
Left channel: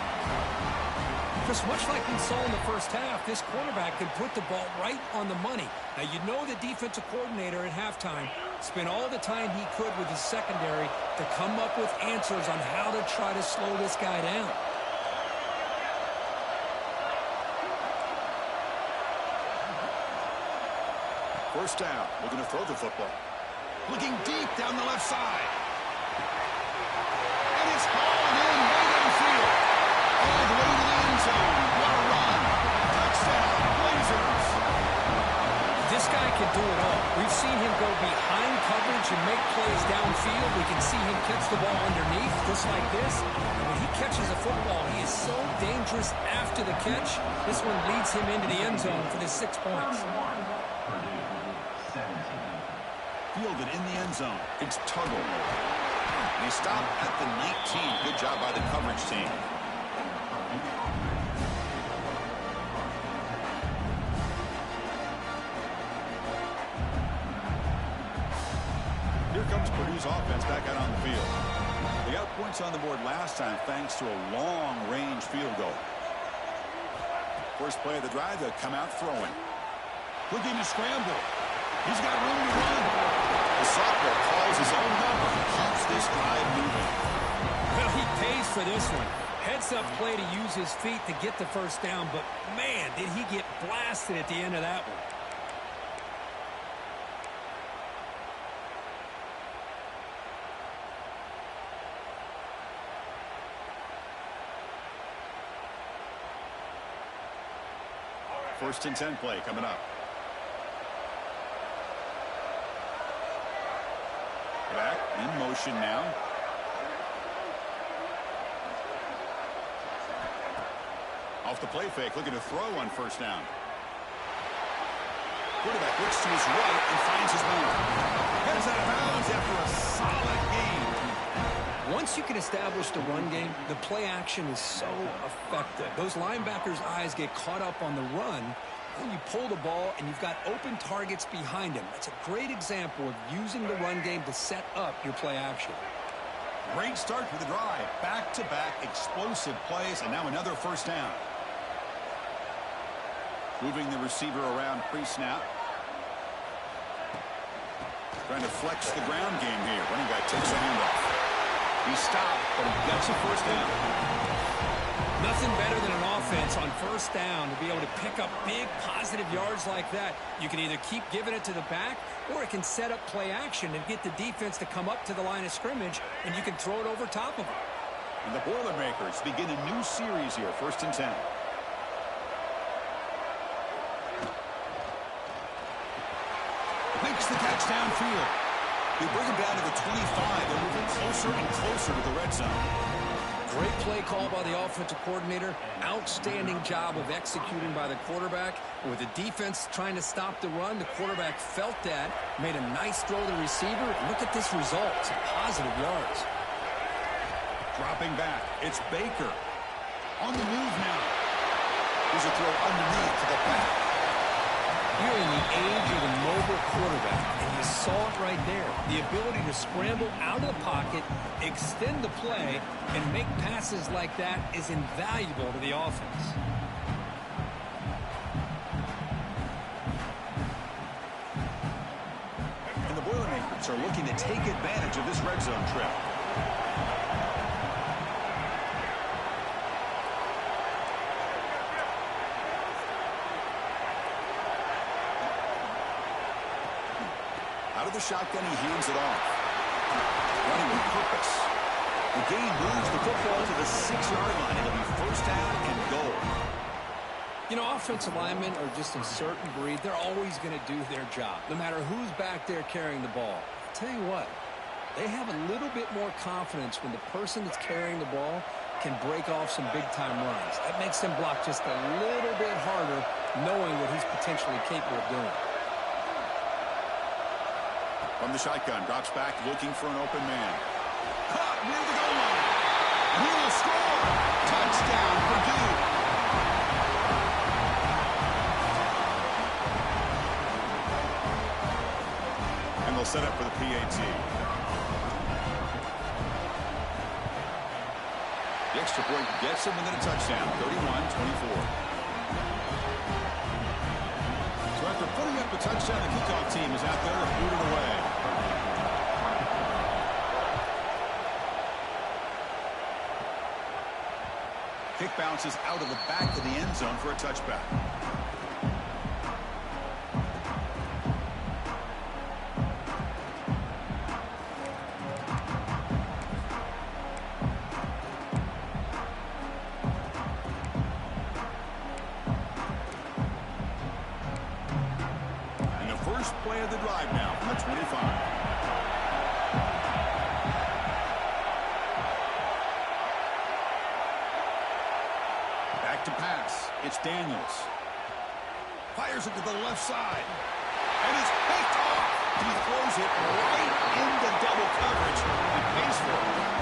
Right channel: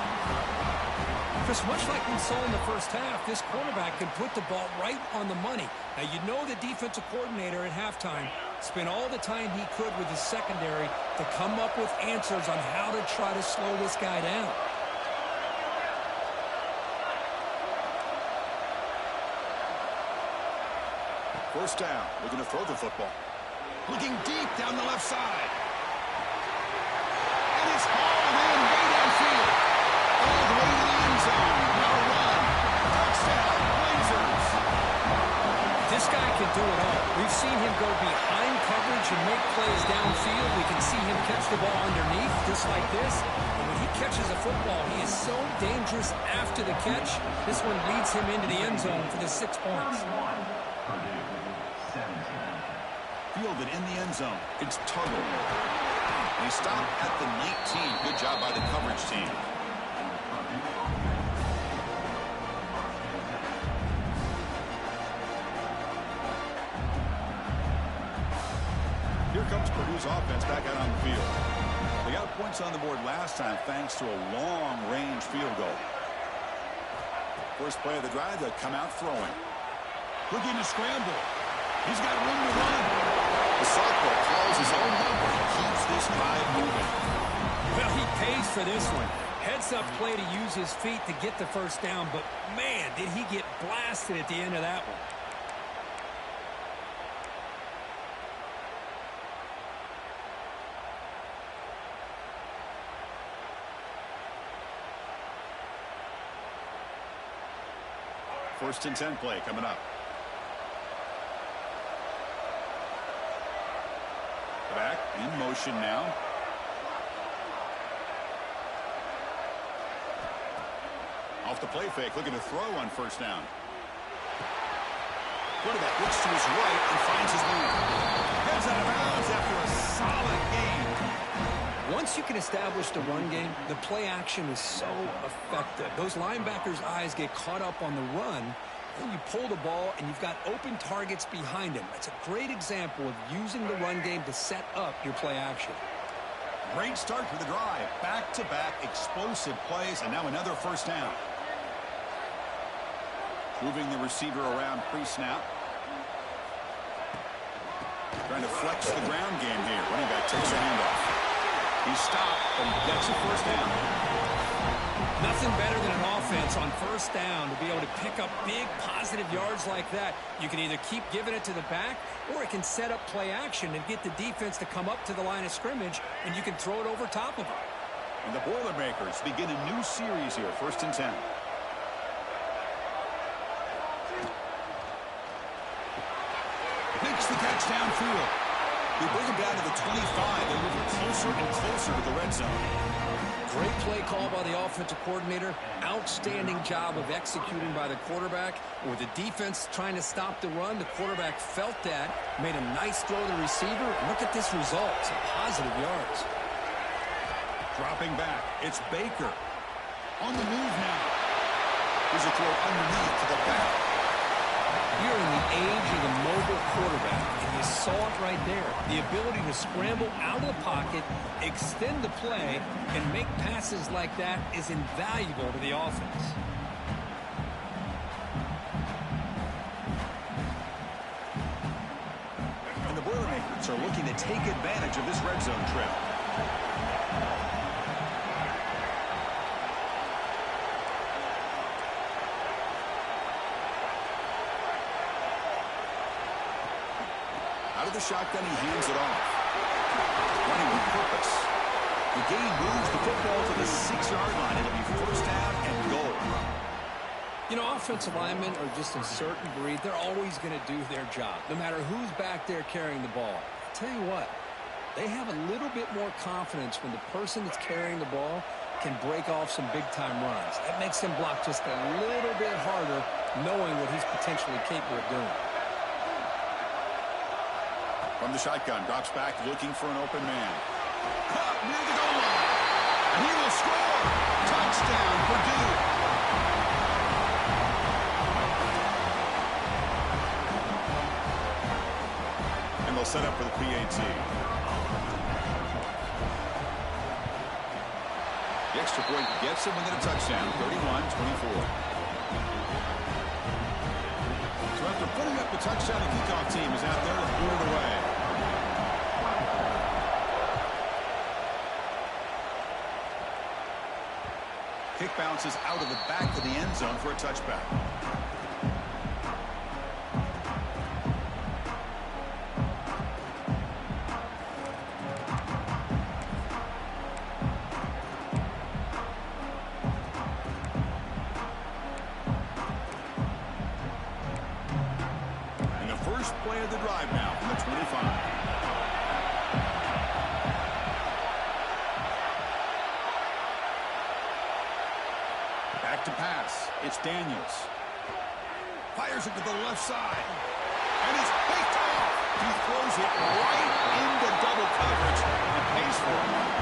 Chris, much like we saw in the first half, this quarterback can put the ball right on the money. Now, you know the defensive coordinator at halftime spent all the time he could with his secondary to come up with answers on how to try to slow this guy down. First down, looking to throw the football. Looking deep down the left side. And it's hauled in way downfield. All the way to the end zone. What a run. Touchdown, Blazers. This guy can do it all. We've seen him go behind coverage and make plays downfield. We can see him catch the ball underneath, just like this. And when he catches a football, he is so dangerous after the catch. This one leads him into the end zone for the 6 points. Fielded in the end zone. It's Tuggle. And he stopped at the 19. Good job by the coverage team. Here comes Purdue's offense back out on the field. They got points on the board last time thanks to a long-range field goal. First play of the drive, they'll come out throwing. Looking to scramble. He's got room to run. The sophomore calls his own number. He keeps this drive moving. Well, he pays for this one. Heads-up play to use his feet to get the first down, but, man, did he get blasted at the end of that one. First and 10 play coming up. Back in motion now. Off the play fake, looking to throw on first down. Quarterback looks to his right and finds his man. Heads out of bounds after a solid game. Once you can establish the run game, the play action is so effective. Those linebackers' eyes get caught up on the run. Then you pull the ball, and you've got open targets behind him. That's a great example of using the run game to set up your play action. Great start to the drive. Back-to-back explosive plays, and now another first down. Moving the receiver around pre-snap. Trying to flex the ground game here. Running back takes a handoff. He stopped, but he gets a first down. Nothing better than an offense on first down to be able to pick up big positive yards like that. You can either keep giving it to the back, or it can set up play action and get the defense to come up to the line of scrimmage, and you can throw it over top of them. And the Boilermakers begin a new series here, first and 10. Makes the catch downfield. They bring him down to the 25 and moving closer and closer to the red zone. Great play call by the offensive coordinator. Outstanding job of executing by the quarterback. With the defense trying to stop the run, the quarterback felt that, made a nice throw to the receiver. And look at this result. Some positive yards. Dropping back. It's Baker. On the move now. Here's a throw underneath to the back. You're in the age of the mobile quarterback, and you saw it right there. The ability to scramble out of the pocket, extend the play, and make passes like that is invaluable to the offense. And the Boilermakers are looking to take advantage of this red zone trip. the shotgun, he hands it off. Running with purpose. The gain moves the football to the 6-yard line. It'll be first down and goal. You know, offensive linemen are just a certain breed. They're always going to do their job, no matter who's back there carrying the ball. I'll tell you what, they have a little bit more confidence when the person that's carrying the ball can break off some big-time runs. That makes them block just a little bit harder, knowing what he's potentially capable of doing. From the shotgun, drops back looking for an open man. Caught near the goal line. And he will score. Touchdown, Purdue. And they'll set up for the PAT. The extra point gets him within a touchdown, 31-24. So after putting up the touchdown, the kickoff team is out there to boot it away. Kick bounces out of the back of the end zone for a touchback. Play of the drive now from the 25. Back to pass. It's Daniels. Fires it to the left side. And it's picked off. He throws it right into double coverage and pays for it.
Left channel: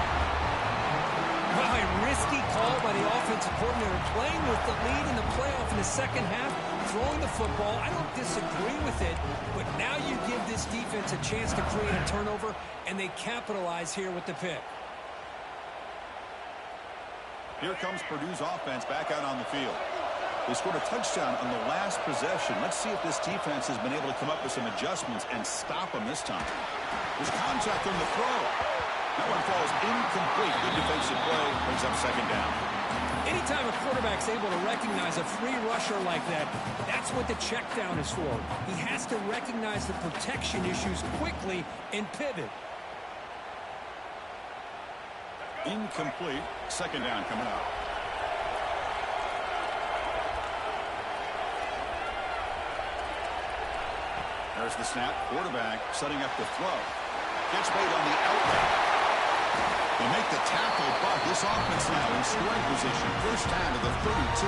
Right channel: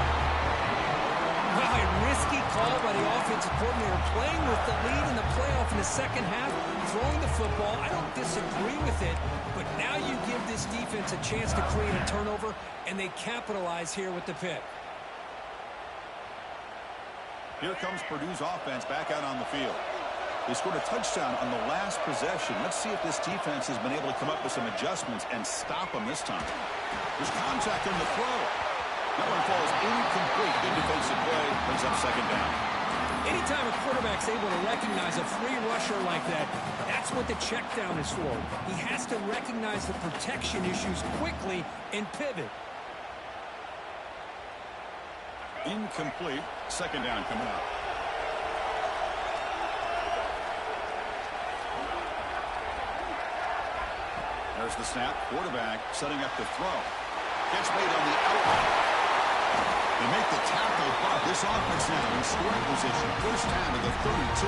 Well, a risky call by the offensive coordinator, playing with the lead in the playoff in the second half, throwing the football. I don't disagree with it, but now you give this defense a chance to create a turnover, and they capitalize here with the pick. Here comes Purdue's offense back out on the field. They scored a touchdown on the last possession. Let's see if this defense has been able to come up with some adjustments and stop them this time. There's contact on the throw. That one falls incomplete. Good defensive play. Brings up second down. Anytime a quarterback's able to recognize a free rusher like that, that's what the check down is for. He has to recognize the protection issues quickly and pivot. Incomplete. Second down coming up. There's the snap. Quarterback setting up the throw. Catch made on the outlet. They make the tackle, but this offense now in scoring position. First down to the 32.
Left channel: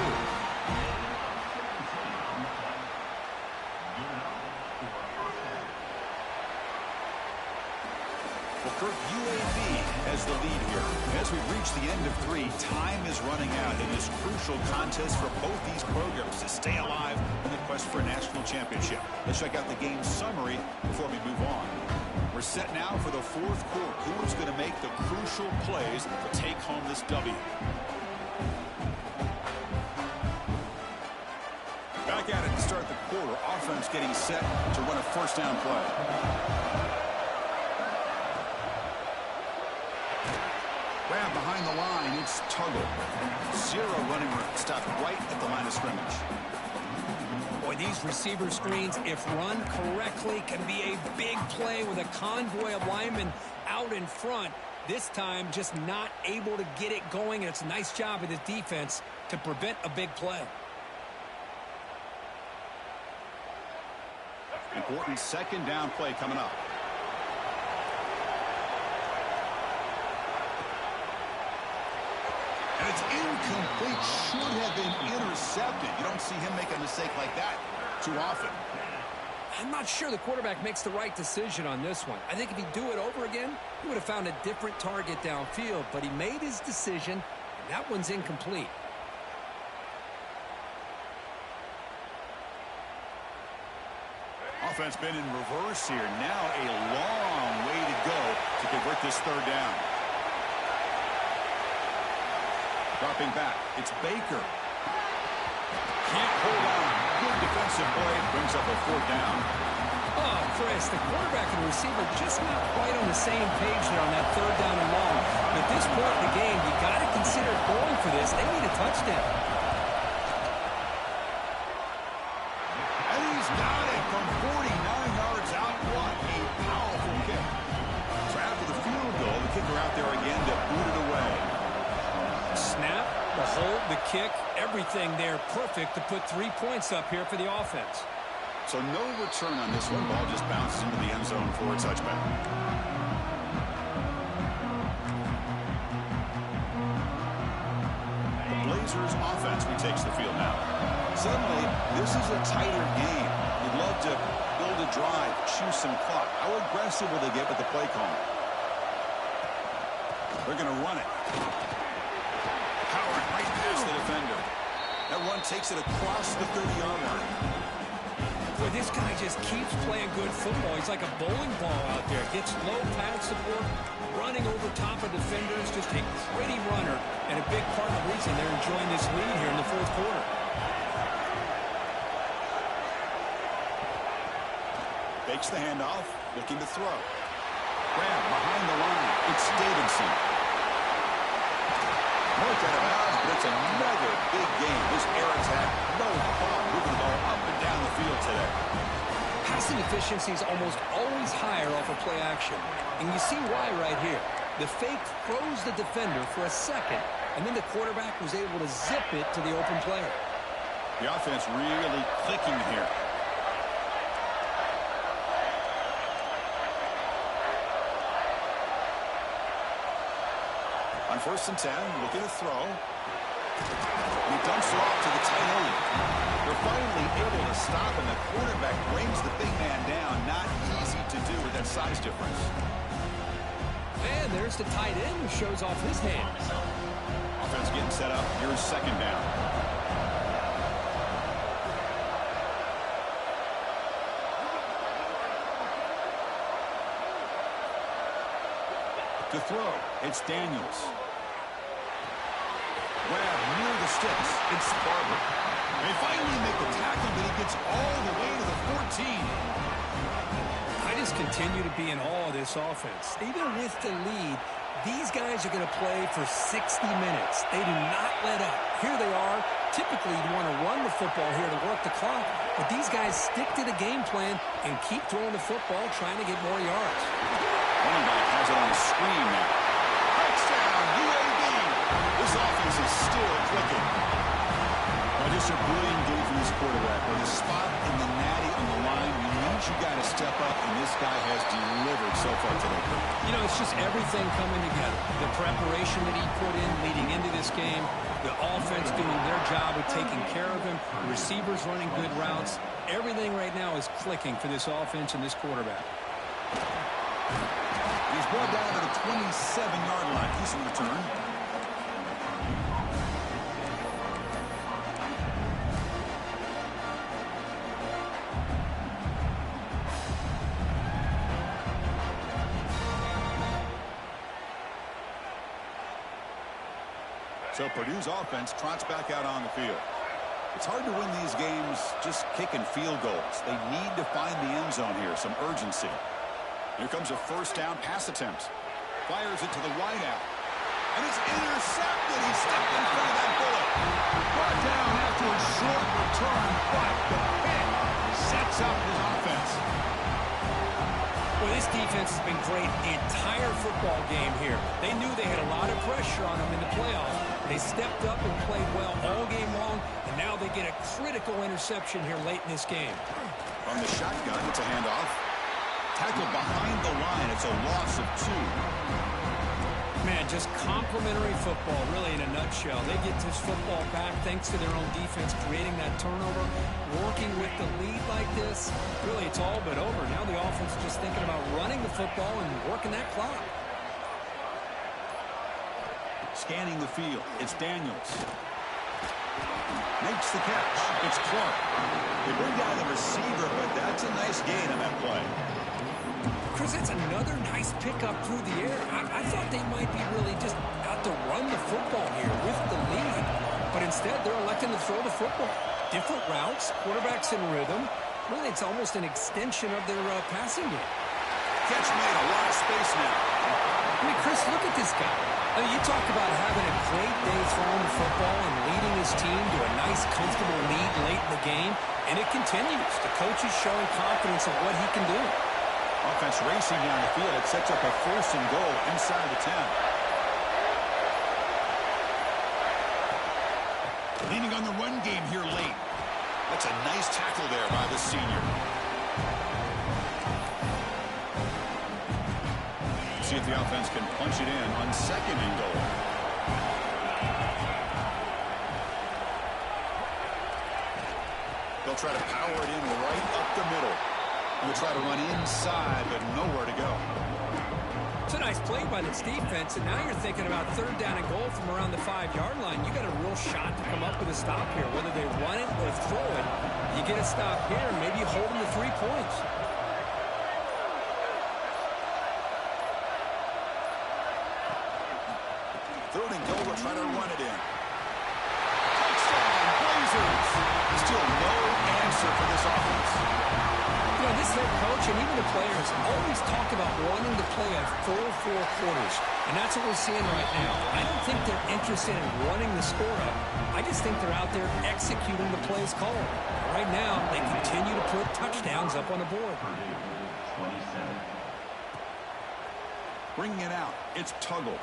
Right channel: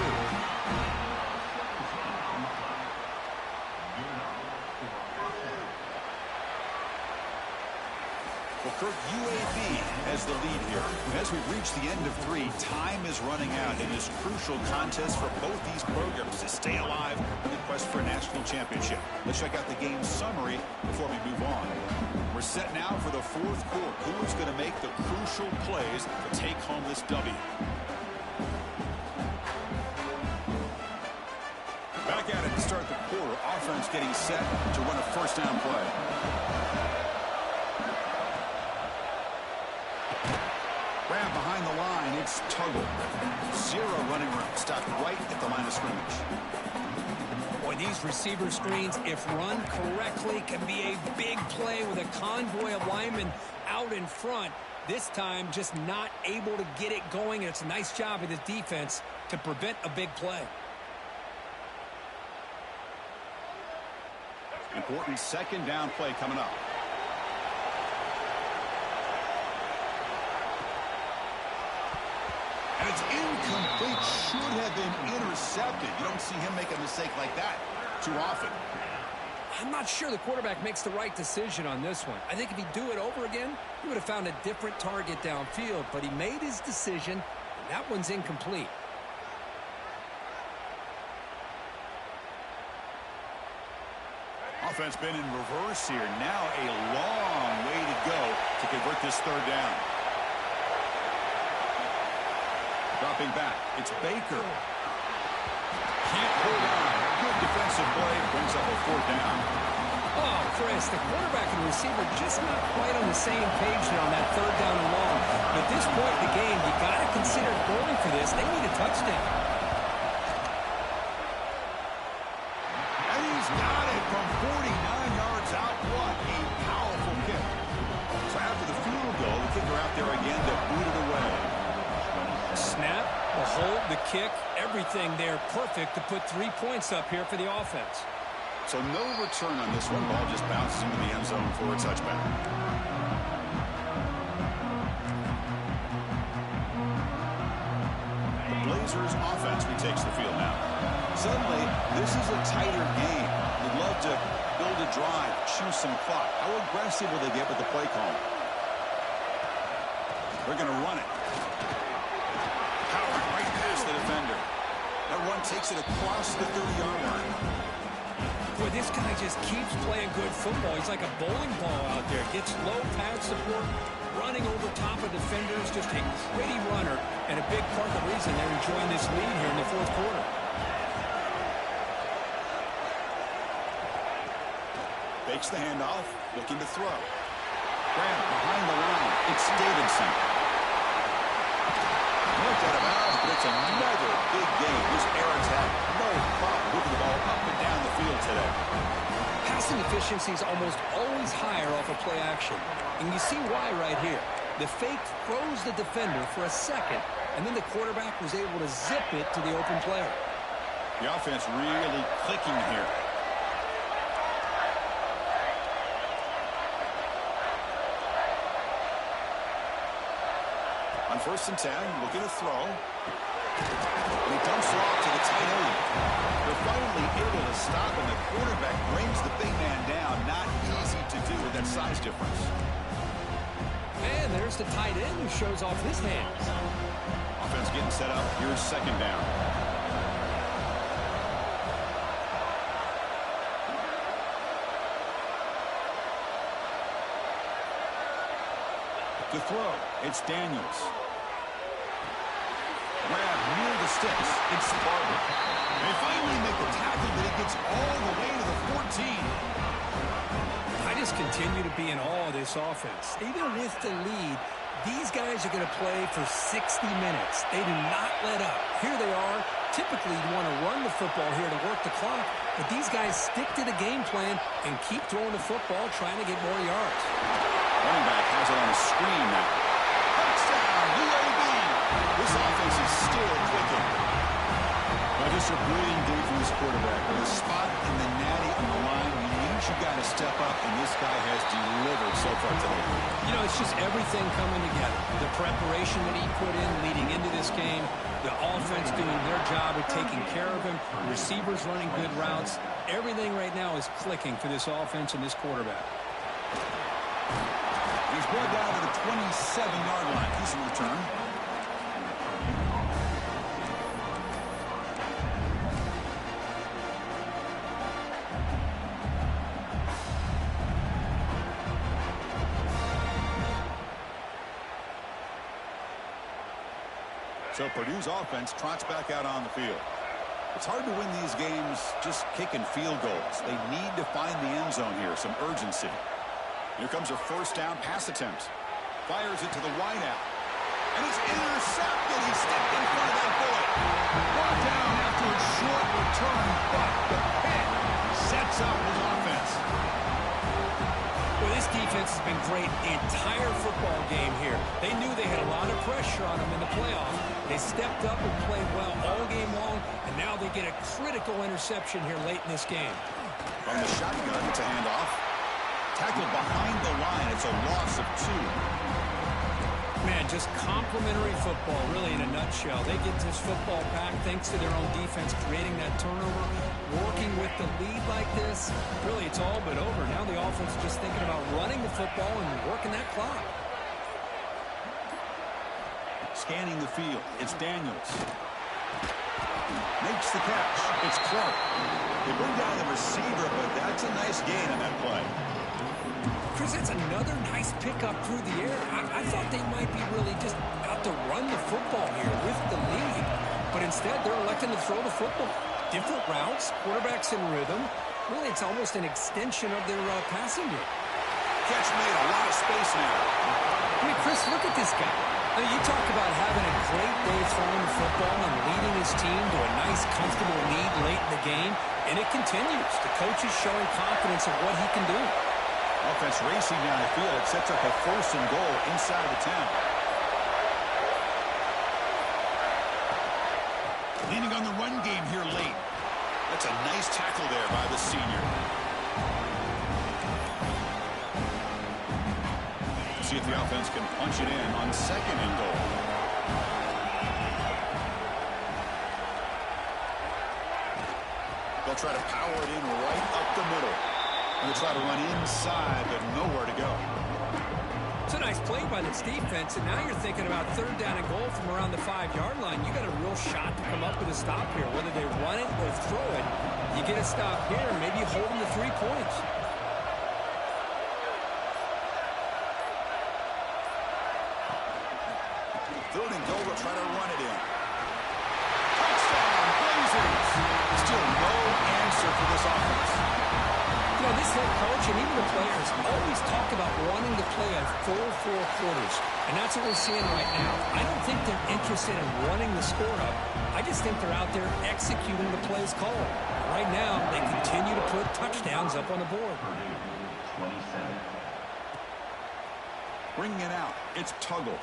Well, Kirk, UAB has the lead here. As we reach the end of 3, time is running out in this crucial contest for both these programs to stay alive in the quest for a national championship. Let's check out the game summary before we move on. We're set now for the fourth quarter. Who is going to make the crucial plays to take home this W? Back at it to start the quarter. Offense getting set to run a first down play. Grab behind the line. It's Tuggle. 0 running room. Stopped right at the line of scrimmage. Boy, these receiver screens, if run correctly, can be a big play with a convoy of linemen out in front. This time, just not able to get it going, and it's a nice job of this defense to prevent a big play. Important second down play coming up. And it's incomplete. Should have been intercepted. You don't see him make a mistake like that too often. I'm not sure the quarterback makes the right decision on this one. I think if he'd do it over again, he would have found a different target downfield. But he made his decision, and that one's incomplete. Offense been in reverse here. Now a long way to go to convert this third down. Dropping back. It's Baker. Can't hold on. Good defensive play. Brings up a fourth down. Oh, Chris, the quarterback and receiver just not quite on the same page there on that third down and long. But at this point in the game, you got to consider going for this. They need a touchdown. And he's got it from 49 yards out. What a power booted away. Snap, the hold, the kick, everything there perfect to put 3 points up here for the offense. So no return on this one. Ball just bounces into the end zone for a touchback. The Blazers offense retakes the field now. Suddenly, this is a tighter game. You'd love to build a drive, choose some clock. How aggressive will they get with the play call? They're going to run it. Powering right past the defender. That run takes it across the 30-yard line. Boy, this guy just keeps playing good football. He's like a bowling ball out there. Gets low pad support, running over top of defenders. Just a pretty runner, and a big part of the reason they're enjoying this lead here in the fourth quarter. Fakes the handoff, looking to throw. Grab behind the line. It's Davidson. Marked out of bounds, but it's another big game. This air attack, no problem moving the ball up and down the field today. Passing efficiency is almost always higher off of play action. And you see why right here. The fake froze the defender for a second, and then the quarterback was able to zip it to the open player. The offense really clicking here. On 1st and 10, looking to throw. And he dumps it off to the tight end. They're finally able to stop, and the quarterback brings the big man down. Not easy to do with that size difference. And there's the tight end who shows off his hands. Offense getting set up. Here's 2nd down. To throw, it's Daniels. Grab near the sticks. It's Barber. They finally make the tackle, but he gets all the way to the 14. I just continue to be in awe of this offense. Even with the lead, these guys are going to play for 60 minutes. They do not let up. Here they are. Typically, you'd want to run the football here to work the clock, but these guys stick to the game plan and keep throwing the football, trying to get more yards. Running back has it on a screen now. Touchdown, UAB. This offense is still clicking. Just a brilliant game from this quarterback. With a spot in the natty on the line, you need your guy to step up, and this guy has delivered so far today. You know, it's just everything coming together. The preparation that he put in leading into this game, the offense doing their job of taking care of him, the receivers running good routes. Everything right now is clicking for this offense and this quarterback. He's brought down to the 27-yard line. Decent return. So Purdue's offense trots back out on the field. It's hard to win these games just kicking field goals. They need to find the end zone here, some urgency. Here comes a 1st down pass attempt. Fires it to the wideout. And it's intercepted. He stepped in front of that bullet. Brought down after a short return, but the pick sets up his offense. Well, this defense has been great the entire football game here. They knew they had a lot of pressure on them in the playoffs. They stepped up and played well all game long, and now they get a critical interception here late in this game. From the shotgun, it's a handoff. Tackled behind the line. It's a loss of 2. Man, just complimentary football, really, in a nutshell. They get this football back thanks to their own defense, creating that turnover, working with the lead like this. Really, it's all but over. Now the offense is just thinking about running the football and working that clock. Scanning the field, it's Daniels. Makes the catch. It's Clark. They bring down the receiver, but that's a nice gain on that play. Chris, that's another nice pickup through the air. I thought they might be really just out to run the football here with the lead. But instead, they're electing to throw the football. Different routes, quarterbacks in rhythm. Really, it's almost an extension of their passing game. Catch made, a lot of space now. I mean, Chris, look at this guy. I mean, you talk about having a great day throwing the football and leading his team to a nice, comfortable lead late in the game, and it continues. The coach is showing confidence of what he can do. Offense racing down the field. It sets up a 1st and goal inside the 10. Leaning on the run game here late. That's a nice tackle there by the senior. See if the offense can punch it in on 2nd and goal. They'll try to power it in right up the middle. And they'll try to run inside, but nowhere to go. It's a nice play by this defense, and now you're thinking about 3rd down and goal from around the 5-yard line. You got a real shot to come up with a stop here. Whether they run it or throw it, you get a stop here, and maybe you hold them to 3 points. Third and goal, they'll try to run it in. Touchdown, Blazers! Still no answer for this offense. You know, this head coach and even the players always talk about wanting to play a full 4 quarters, and that's what we're seeing right now. I don't think they're interested in running the score up. I just think they're out there executing the plays called. And right now, they continue to put touchdowns up on the board. Bringing it out, it's Tuggle.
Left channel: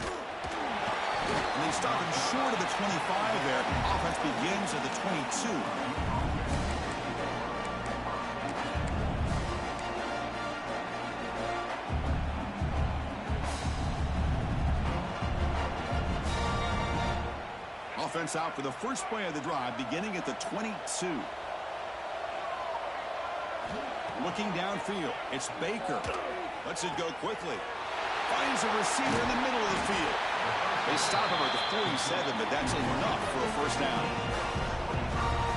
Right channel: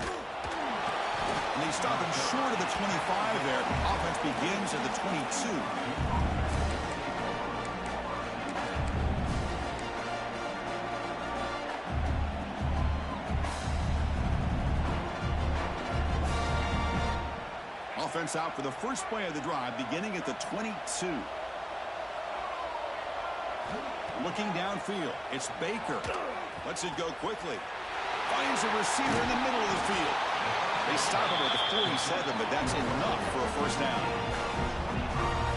And they stop him short of the 25 there. Offense begins at the 22. Offense out for the first play of the drive, beginning at the 22. Looking downfield, it's Baker. Lets it go quickly. Finds a receiver in the middle of the field. They stop him at the 47, but that's enough for a first down.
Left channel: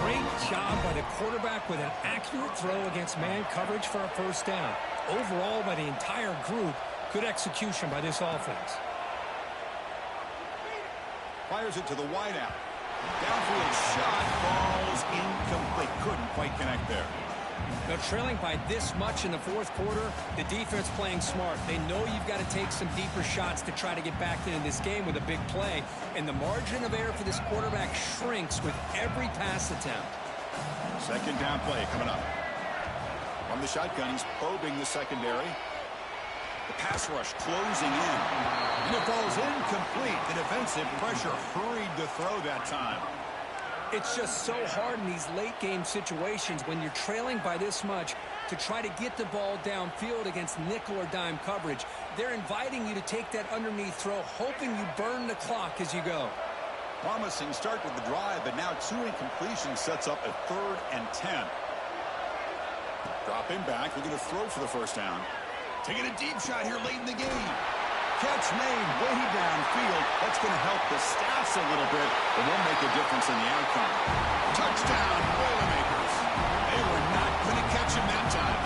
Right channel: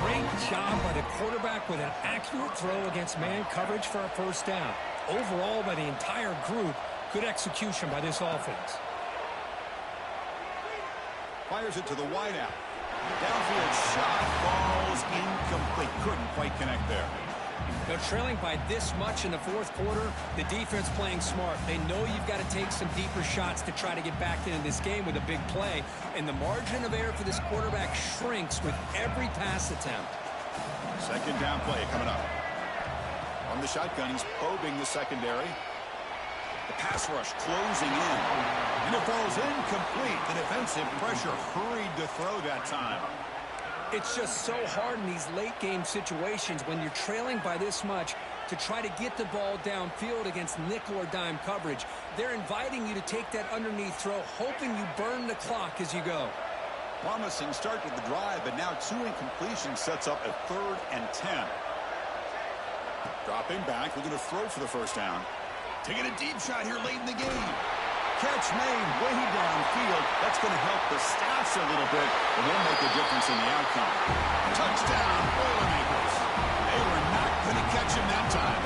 Great job by the quarterback with an accurate throw against man coverage for a first down. Overall, by the entire group, good execution by this offense. Fires it to the wideout. Downfield shot, falls incomplete. Couldn't quite connect there. Now, trailing by this much in the 4th quarter, the defense playing smart. They know you've got to take some deeper shots to try to get back into this game with a big play. And the margin of error for this quarterback shrinks with every pass attempt. 2nd down play coming up. From the shotgun, he's probing the secondary. The pass rush closing in. And it falls incomplete. The defensive pressure hurried to throw that time. It's just so hard in these late-game situations when you're trailing by this much to try to get the ball downfield against nickel or dime coverage. They're inviting you to take that underneath throw, hoping you burn the clock as you go. Promising start to the drive, but now 2 incompletions sets up a 3rd and 10. Dropping back, looking to throw for the first down. Taking a deep shot here late in the game. Catch made way downfield. That's going to help the stats a little bit, but won't make a difference in the outcome. Touchdown, Boilermakers. They were not going to catch him that time.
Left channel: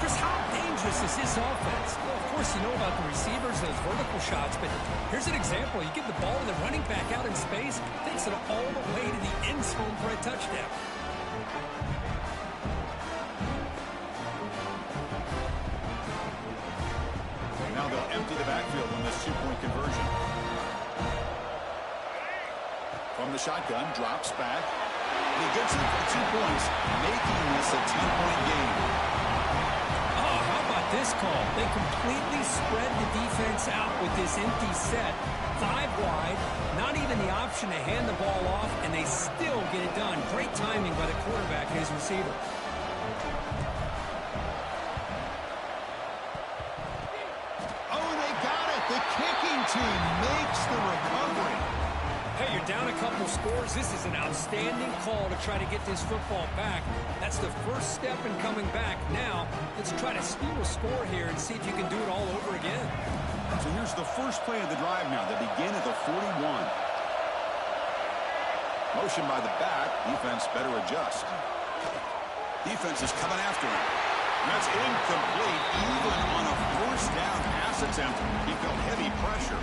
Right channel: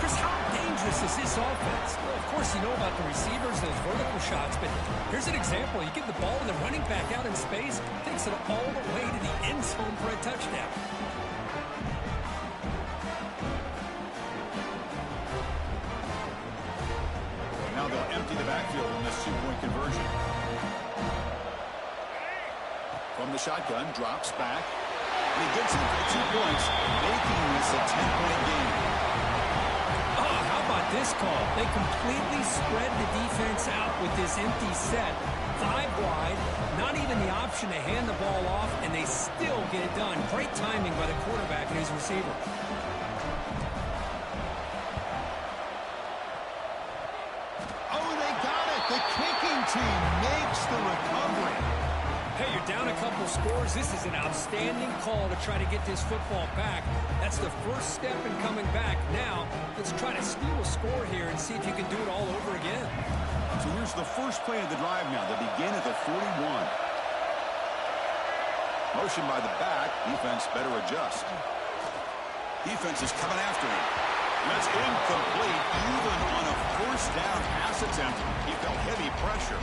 Chris, how dangerous is this offense? Well, of course, you know about the receivers, those vertical shots, but here's an example. You get the ball and the running back out in space, takes it all the way to the end zone for a touchdown. Now they'll empty the backfield on this 2-point conversion. From the shotgun, drops back. And he gets it for 2 points, making this a 10-point game. Oh, how about this call? They completely spread the defense out with this empty set. 5 wide, not even the option to hand the ball off, and they still get it done. Great timing by the quarterback and his receiver. The kicking team makes the recovery. Hey, you're down a couple scores. This is an outstanding call to try to get this football back. That's the first step in coming back. Now, let's try to steal a score here and see if you can do it all over again. So here's the first play of the drive now. They begin at the 41. Motion by the back. Defense better adjust. Defense is coming after him. That's incomplete. Even on a first down pass attempt, he felt heavy pressure.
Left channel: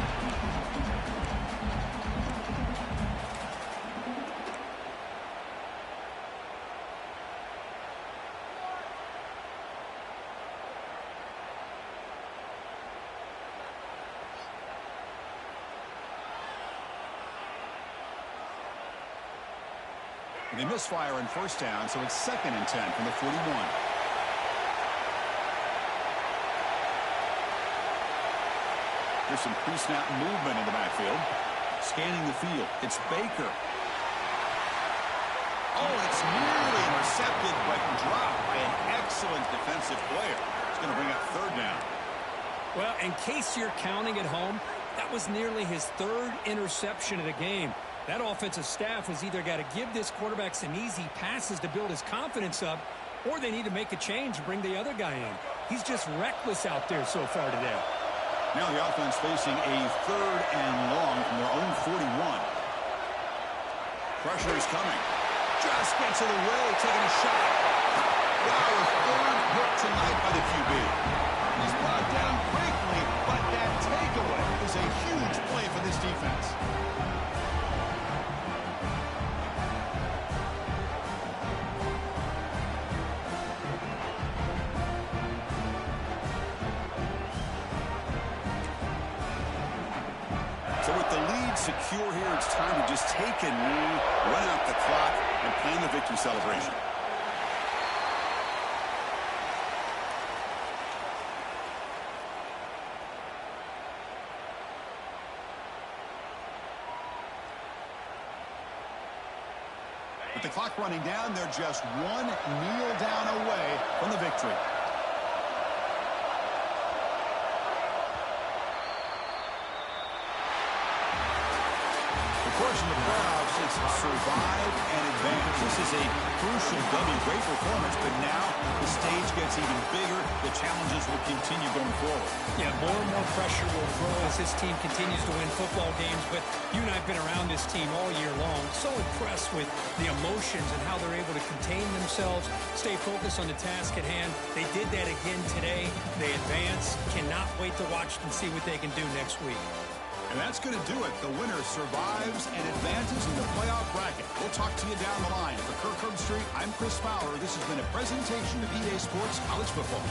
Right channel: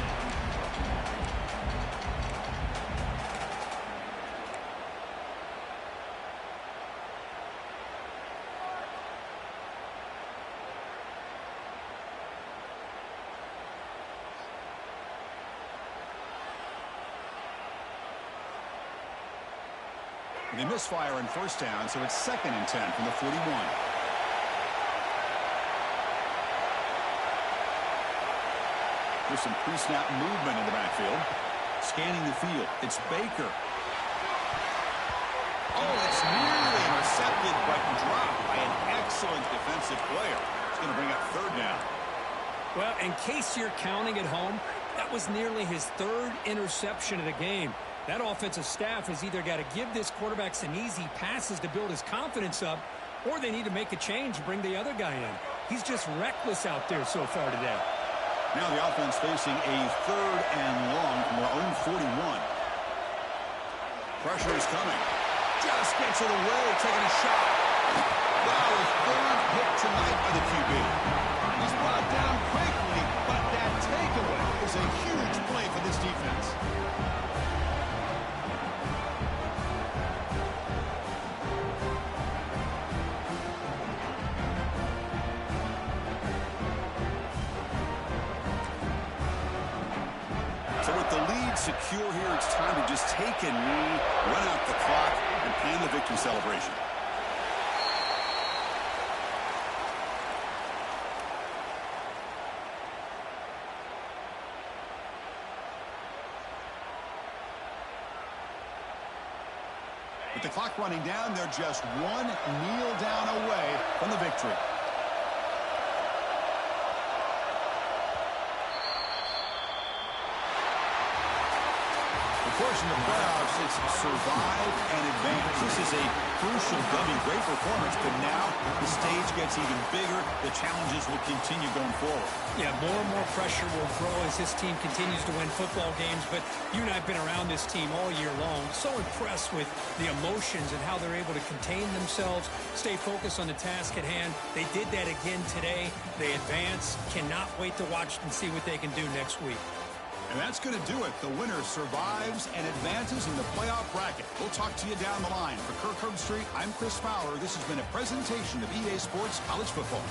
They misfire on first down, so it's 2nd and 10 from the 41. There's some pre-snap movement in the backfield. Scanning the field. It's Baker. Oh, it's nearly intercepted, but dropped by an excellent defensive player. It's going to bring up third down. Well, in case you're counting at home, that was nearly his third interception of the game. That offensive staff has either got to give this quarterback some easy passes to build his confidence up, or they need to make a change and bring the other guy in. He's just reckless out there so far today. Now the offense facing a third and long from their own 41. Pressure is coming. Just gets it away, taking a shot. Wow, a third hit tonight by the QB. He's brought down quickly, but that takeaway is a huge play for this defense. So with the lead secure here, it's time to just take a knee, run out the clock, and plan the victory celebration. With the clock running down, they're just one kneel down away from the victory. Of course, in the playoffs, it's survive and advance. This is a crucial W. Great performance, but now the stage gets even bigger. The challenges will continue going forward. Yeah, more and more pressure will grow as this team continues to win football games, but you and I have been around this team all year long. So impressed with the emotions and how they're able to contain themselves, stay focused on the task at hand. They did that again today. They advance. Cannot wait to watch and see what they can do next week. And that's going to do it. The winner survives and advances in the playoff bracket. We'll talk to you down the line. For Kirk Herbstreit, I'm Chris Fowler. This has been a presentation of EA Sports College Football.